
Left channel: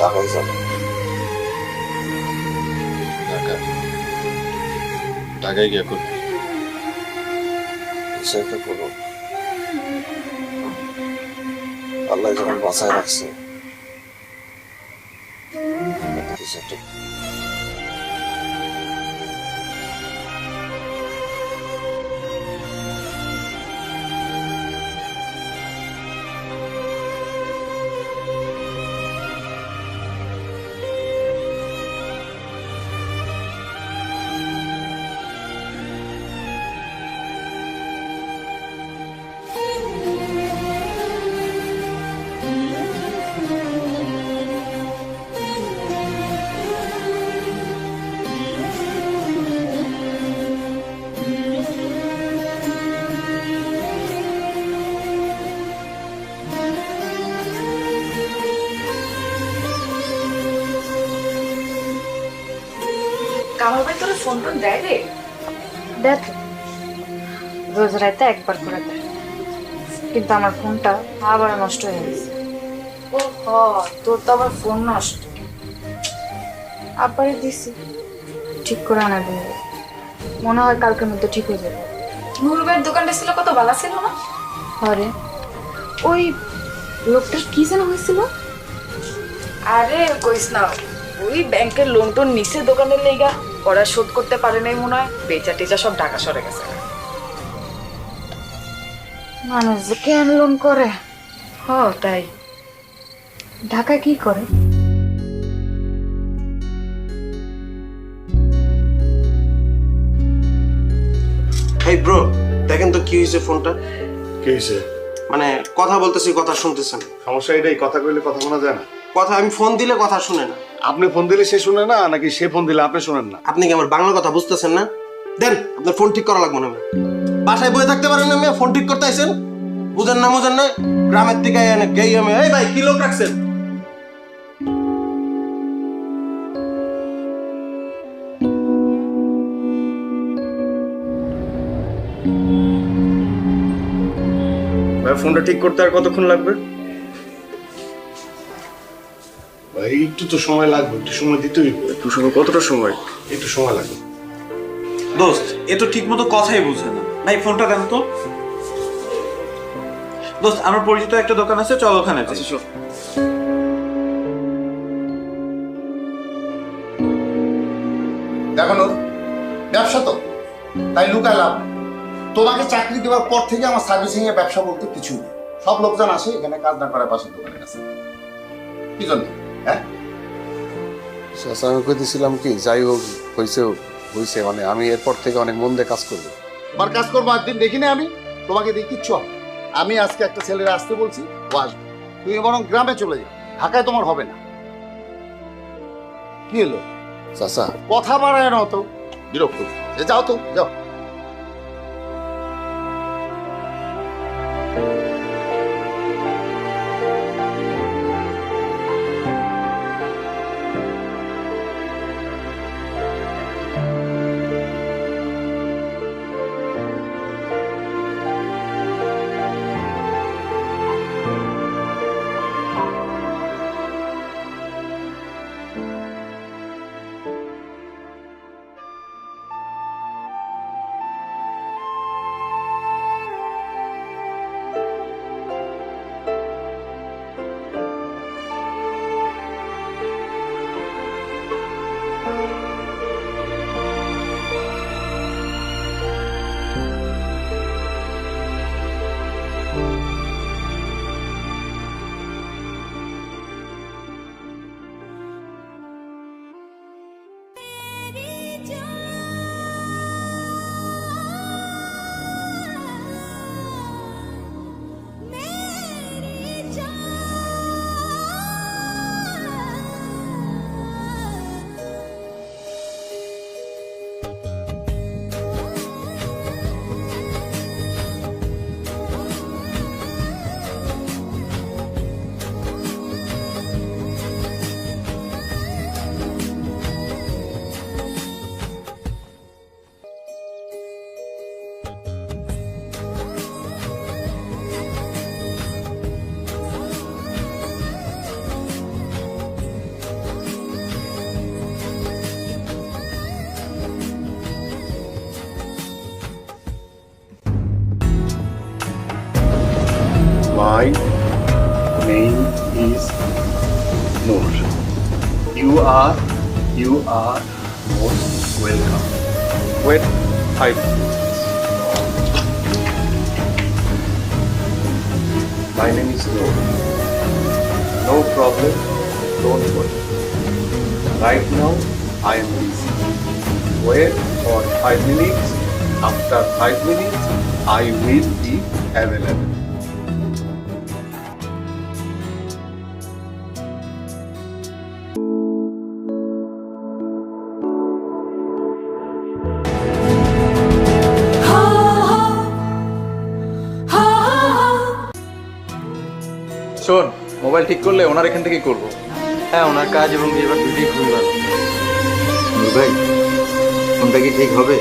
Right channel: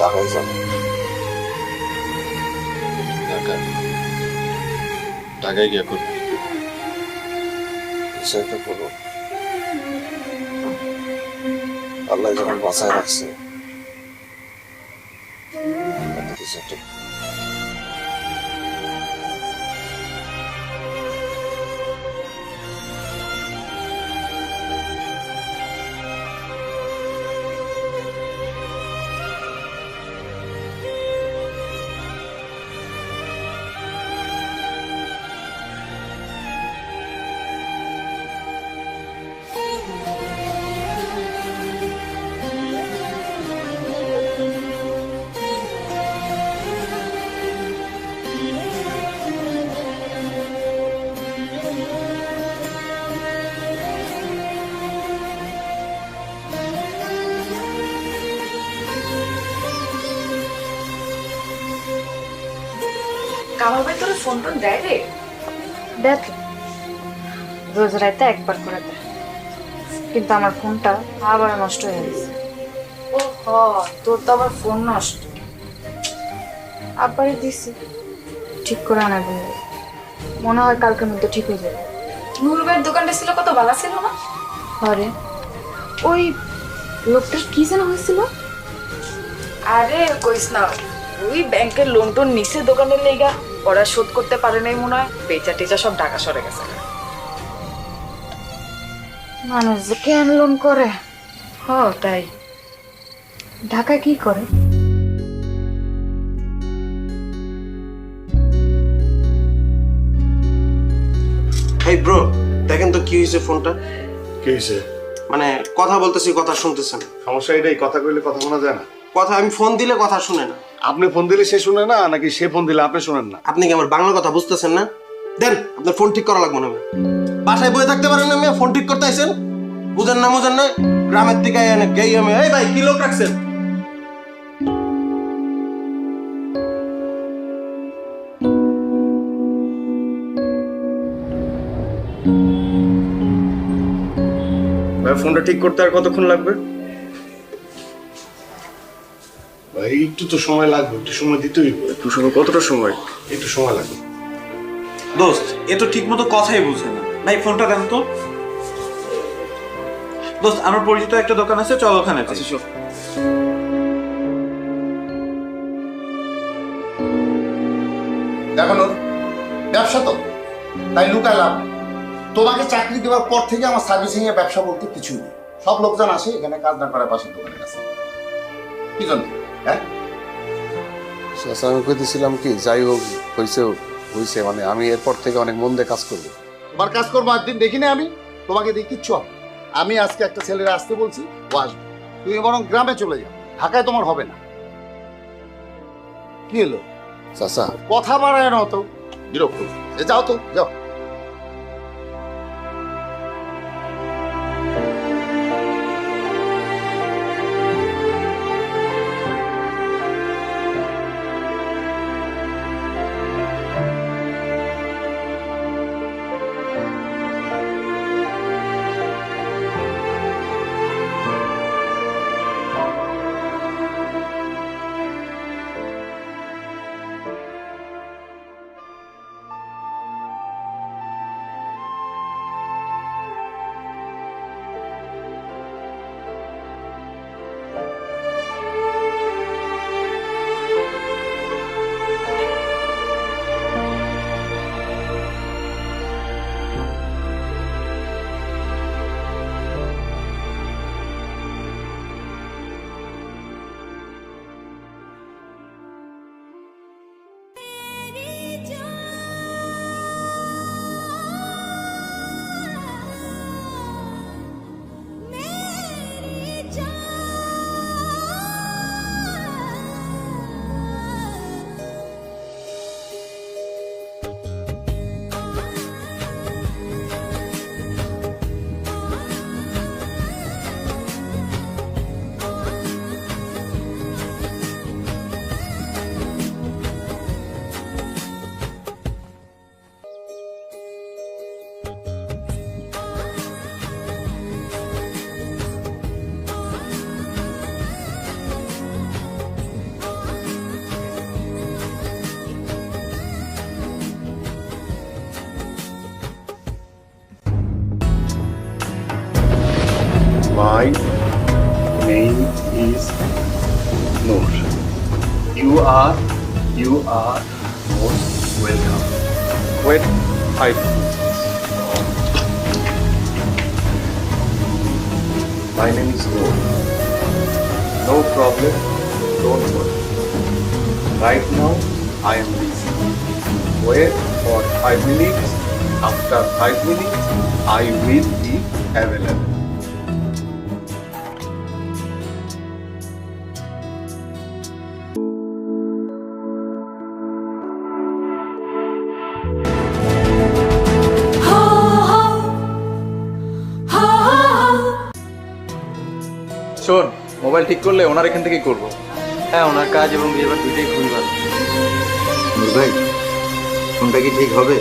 ঢাকায় যাবো। ঢাকায় গিয়ে করবি? কিছু একটা করবো। আল্লাহ যখন বাঁচায় রাখছে, কিছু একটা। কামাল ভাই তোর ফোন টোন দেয় রে? দেখ, রোজ রাতে একবার করে দেয়, কিন্তু আমার ফোনটা আবার নষ্ট হয়ে গেছে। ও হ, তোর তো আবার ফোন নষ্ট। আবারই দিছি, ঠিক করে আনা দেবে, মনে হয় কালকের মধ্যে ঠিক হয়ে যাবে। নুরুল ভাইয়ের দোকানটা ছিল কত ভালো ছিল না? আরে ওই লোকটার কি যেন হয়েছিল? আরে কইস না, ওই ব্যাংকের লোন টোন নিচে দোকানের লেগা ওরা শোধ করতে পারে নাই মনে হয়, বেচা টেচা সব ঢাকা সরে গেছে। মানুষ যে কেন লোন করে? হ তাই। ঢাকায় কি করে? এই ব্রো, দেখেন তো কি হয়েছে ফোনটা। কি হয়েছে? মানে কথা বলতেছি, কথা শুনতেছেন। সমস্যা এটাই, কথা কইলে কথা শোনা যায় না। কথা আমি ফোন দিলে কথা শুনে না। আপনি ফোন দিলে সে শুনে না, নাকি সে ফোন দিলে আপনি শুনেন না? আপনি কি আমার বাংলা কথা বুঝতেছেন না? দেন, আপনার ফোন ঠিক করা লাগবে না। আমি বাসায় বয়ে থাকতে পারেন না, ফোন ঠিক করতে আইছেন? বুঝেন না বুঝেন না, গ্রামের দিকে গেই আমি। এই ভাই, কি লোক রাখছেন? ভাই ফোনটা ঠিক করতে আর কতক্ষণ লাগবে? ভাই একটু তো সময় লাগবে, একটু সময় দিতেই হবে। একটু সময়, কতটা সময়? একটু সময় লাগবে। দোস্ত, এ তো ঠিক মতো কথাই বুঝে না। ভাই ফোনটা দেন তো। দোস্ত, আমার পরিচিত একটা দোকান আছে, চল ওখানে যাই। দেখো নূর, ব্যবসা তো তাই লুকায় লাভ নেই। তোমাকে চাকরি দেওয়ার পর থেকে আমার সার্ভিসিং এর ব্যবসা বলতে কিছুই নেই। সব লোকজন আসে এখানে কাজ না করার পাশের দোকানের কাছে। কি জন্য? হ্যাঁ, আমি কইতেছিলাম কি, যাই হোক হয়েছে, মানে আমি এরপর থেকে অনেক মন দিয়ে কাজ করবো। তোমার কাজ করবো একদিন দেখি না, আমি তোমাকে দেখি কিচ্ছু হবে। আমি আজকে একটা ছেলেরা আসতে বলছি, ও আসবে। তুমি বরং গ্রামে চলে যাও, ঢাকায় তোমার হবে না। কি হলো চাচা? কথা বাড়ায় না তো, বিরক্ত। যাও তো, যাও। Noor, you are most welcome. Wait 5 minutes. My name is Noor. No problem, don't worry. Right now, I am busy. Wait for 5 minutes. After 5 minutes, I will be available. শোন, মোবাইল ঠিক করলে ওনার এখান থেকেই করবো। হ্যাঁ, ওনার কাজ এবং বিহেভিয়ার দুইটাই খুবই ভালো। নূর ভাই, ফোনটা কি ঠিক হবে?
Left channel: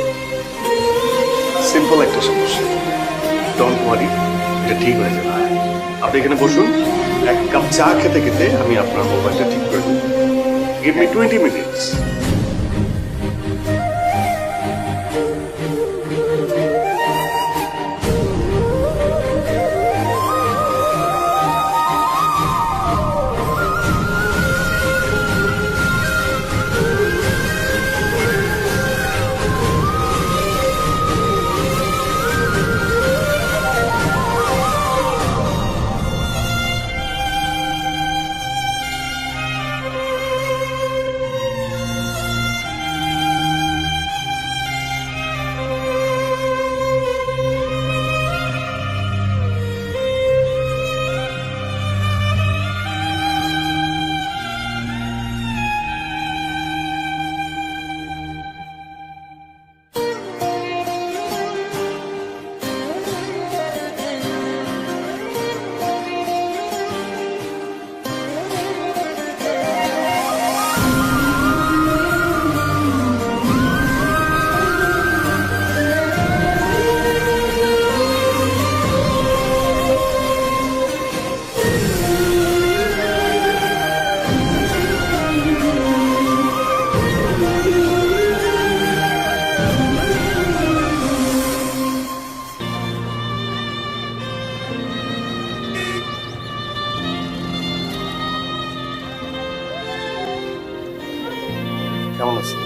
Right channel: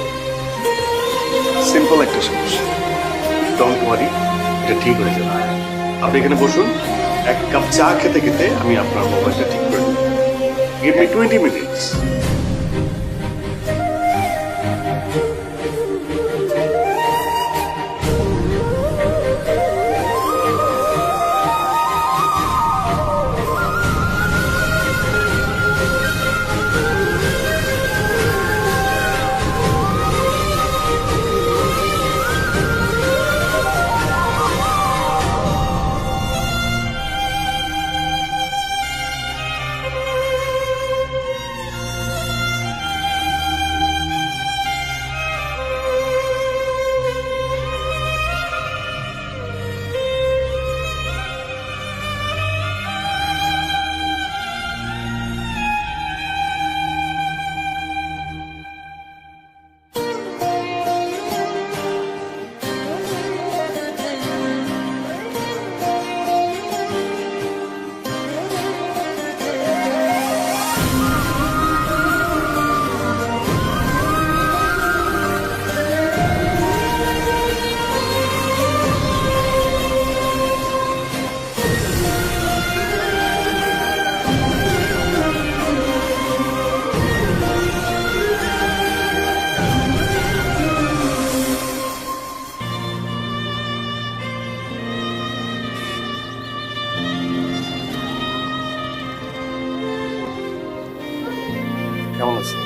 সিম্পল একটা সমস্যা, ডোন্ট ওয়ারি, এটা ঠিক হয়ে যাবে। আপনি এখানে বসুন, এক কাপ চা খেতে খেতে আমি আপনার মোবাইলটা ঠিক করে দেব। Give me 20 minutes. কেমন আছেন?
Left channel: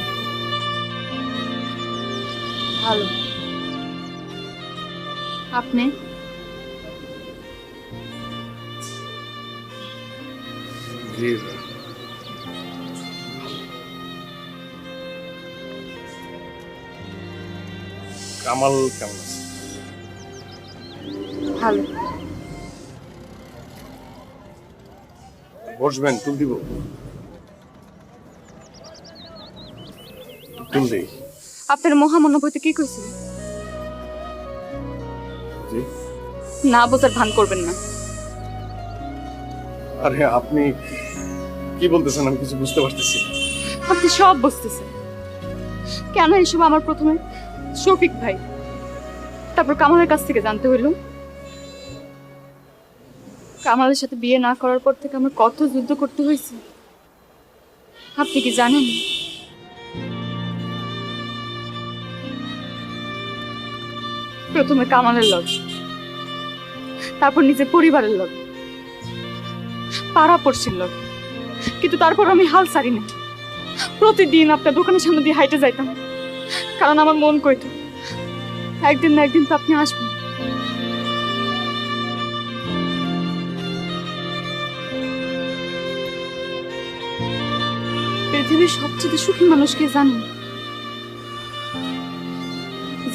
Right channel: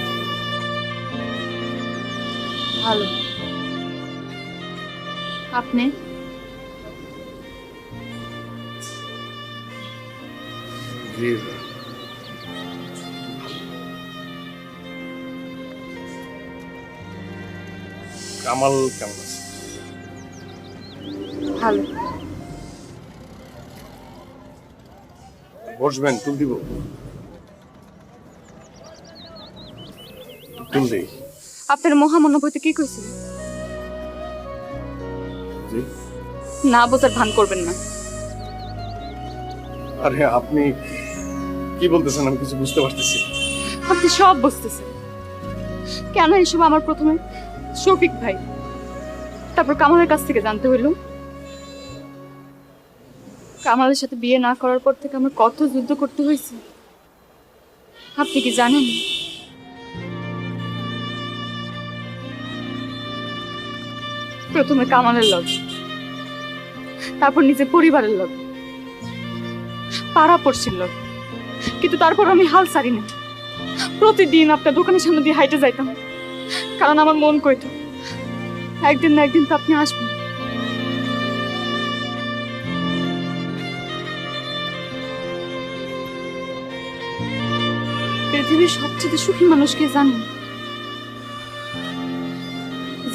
ভালো। আপনি? জি, কামাল কেমন আছে? ভালো। বসবেন, টুল দিব? টুল দিই। আপনার মহামনোভূতি কি কইছিল? জি। না বোঝার ভান করবেন না। আরে আপনি কি বলতেছেন আমি কিছু বুঝতে পারতেছি না। আপনি সব বুঝতেছেন। কেন এসব আমার প্রথমে শফিক ভাই, তারপর কামালের কাছ থেকে জানতে হইল। কামালের সাথে বিয়ে না করার পর থেকে আমার কত যুদ্ধ করতে হয়েছে আপনি কি জানেন? প্রথমে কামালের লগ, তারপর নিজের পরিবারের লগ, পাড়া পড়শির লগ, কিন্তু তারপর আমি হাল ছাড়ি না। প্রতিদিন আপনার দোকানের সামনে দিয়ে হাইটে যাইতাম, কারণ আমার মন কইতো একদিন না একদিন তো আপনি আসবেন। পৃথিবীর সবচেয়ে সুখী মানুষকে জানেন?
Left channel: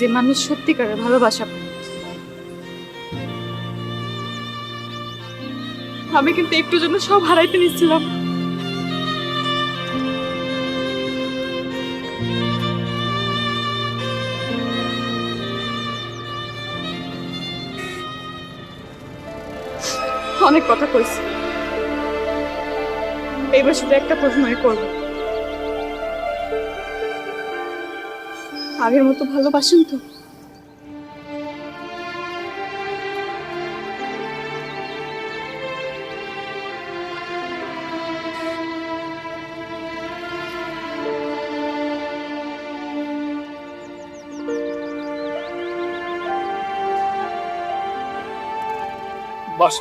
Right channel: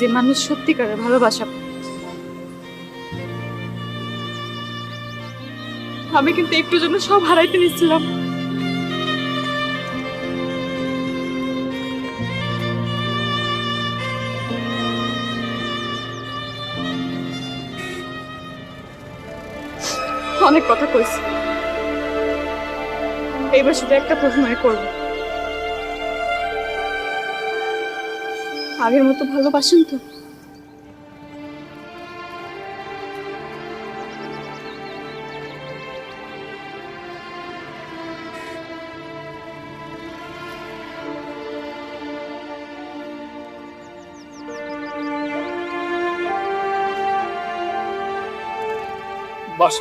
যে মানুষ সত্যিকারের ভালোবাসা পায়। আমি কিন্তু একটু জন্য সব হারাইতে নিচ্ছিলাম। অনেক কথা কইছি, এইবার শুধু একটা প্রশ্নই করব, আগের মতো ভালোবাসেন তো? বাস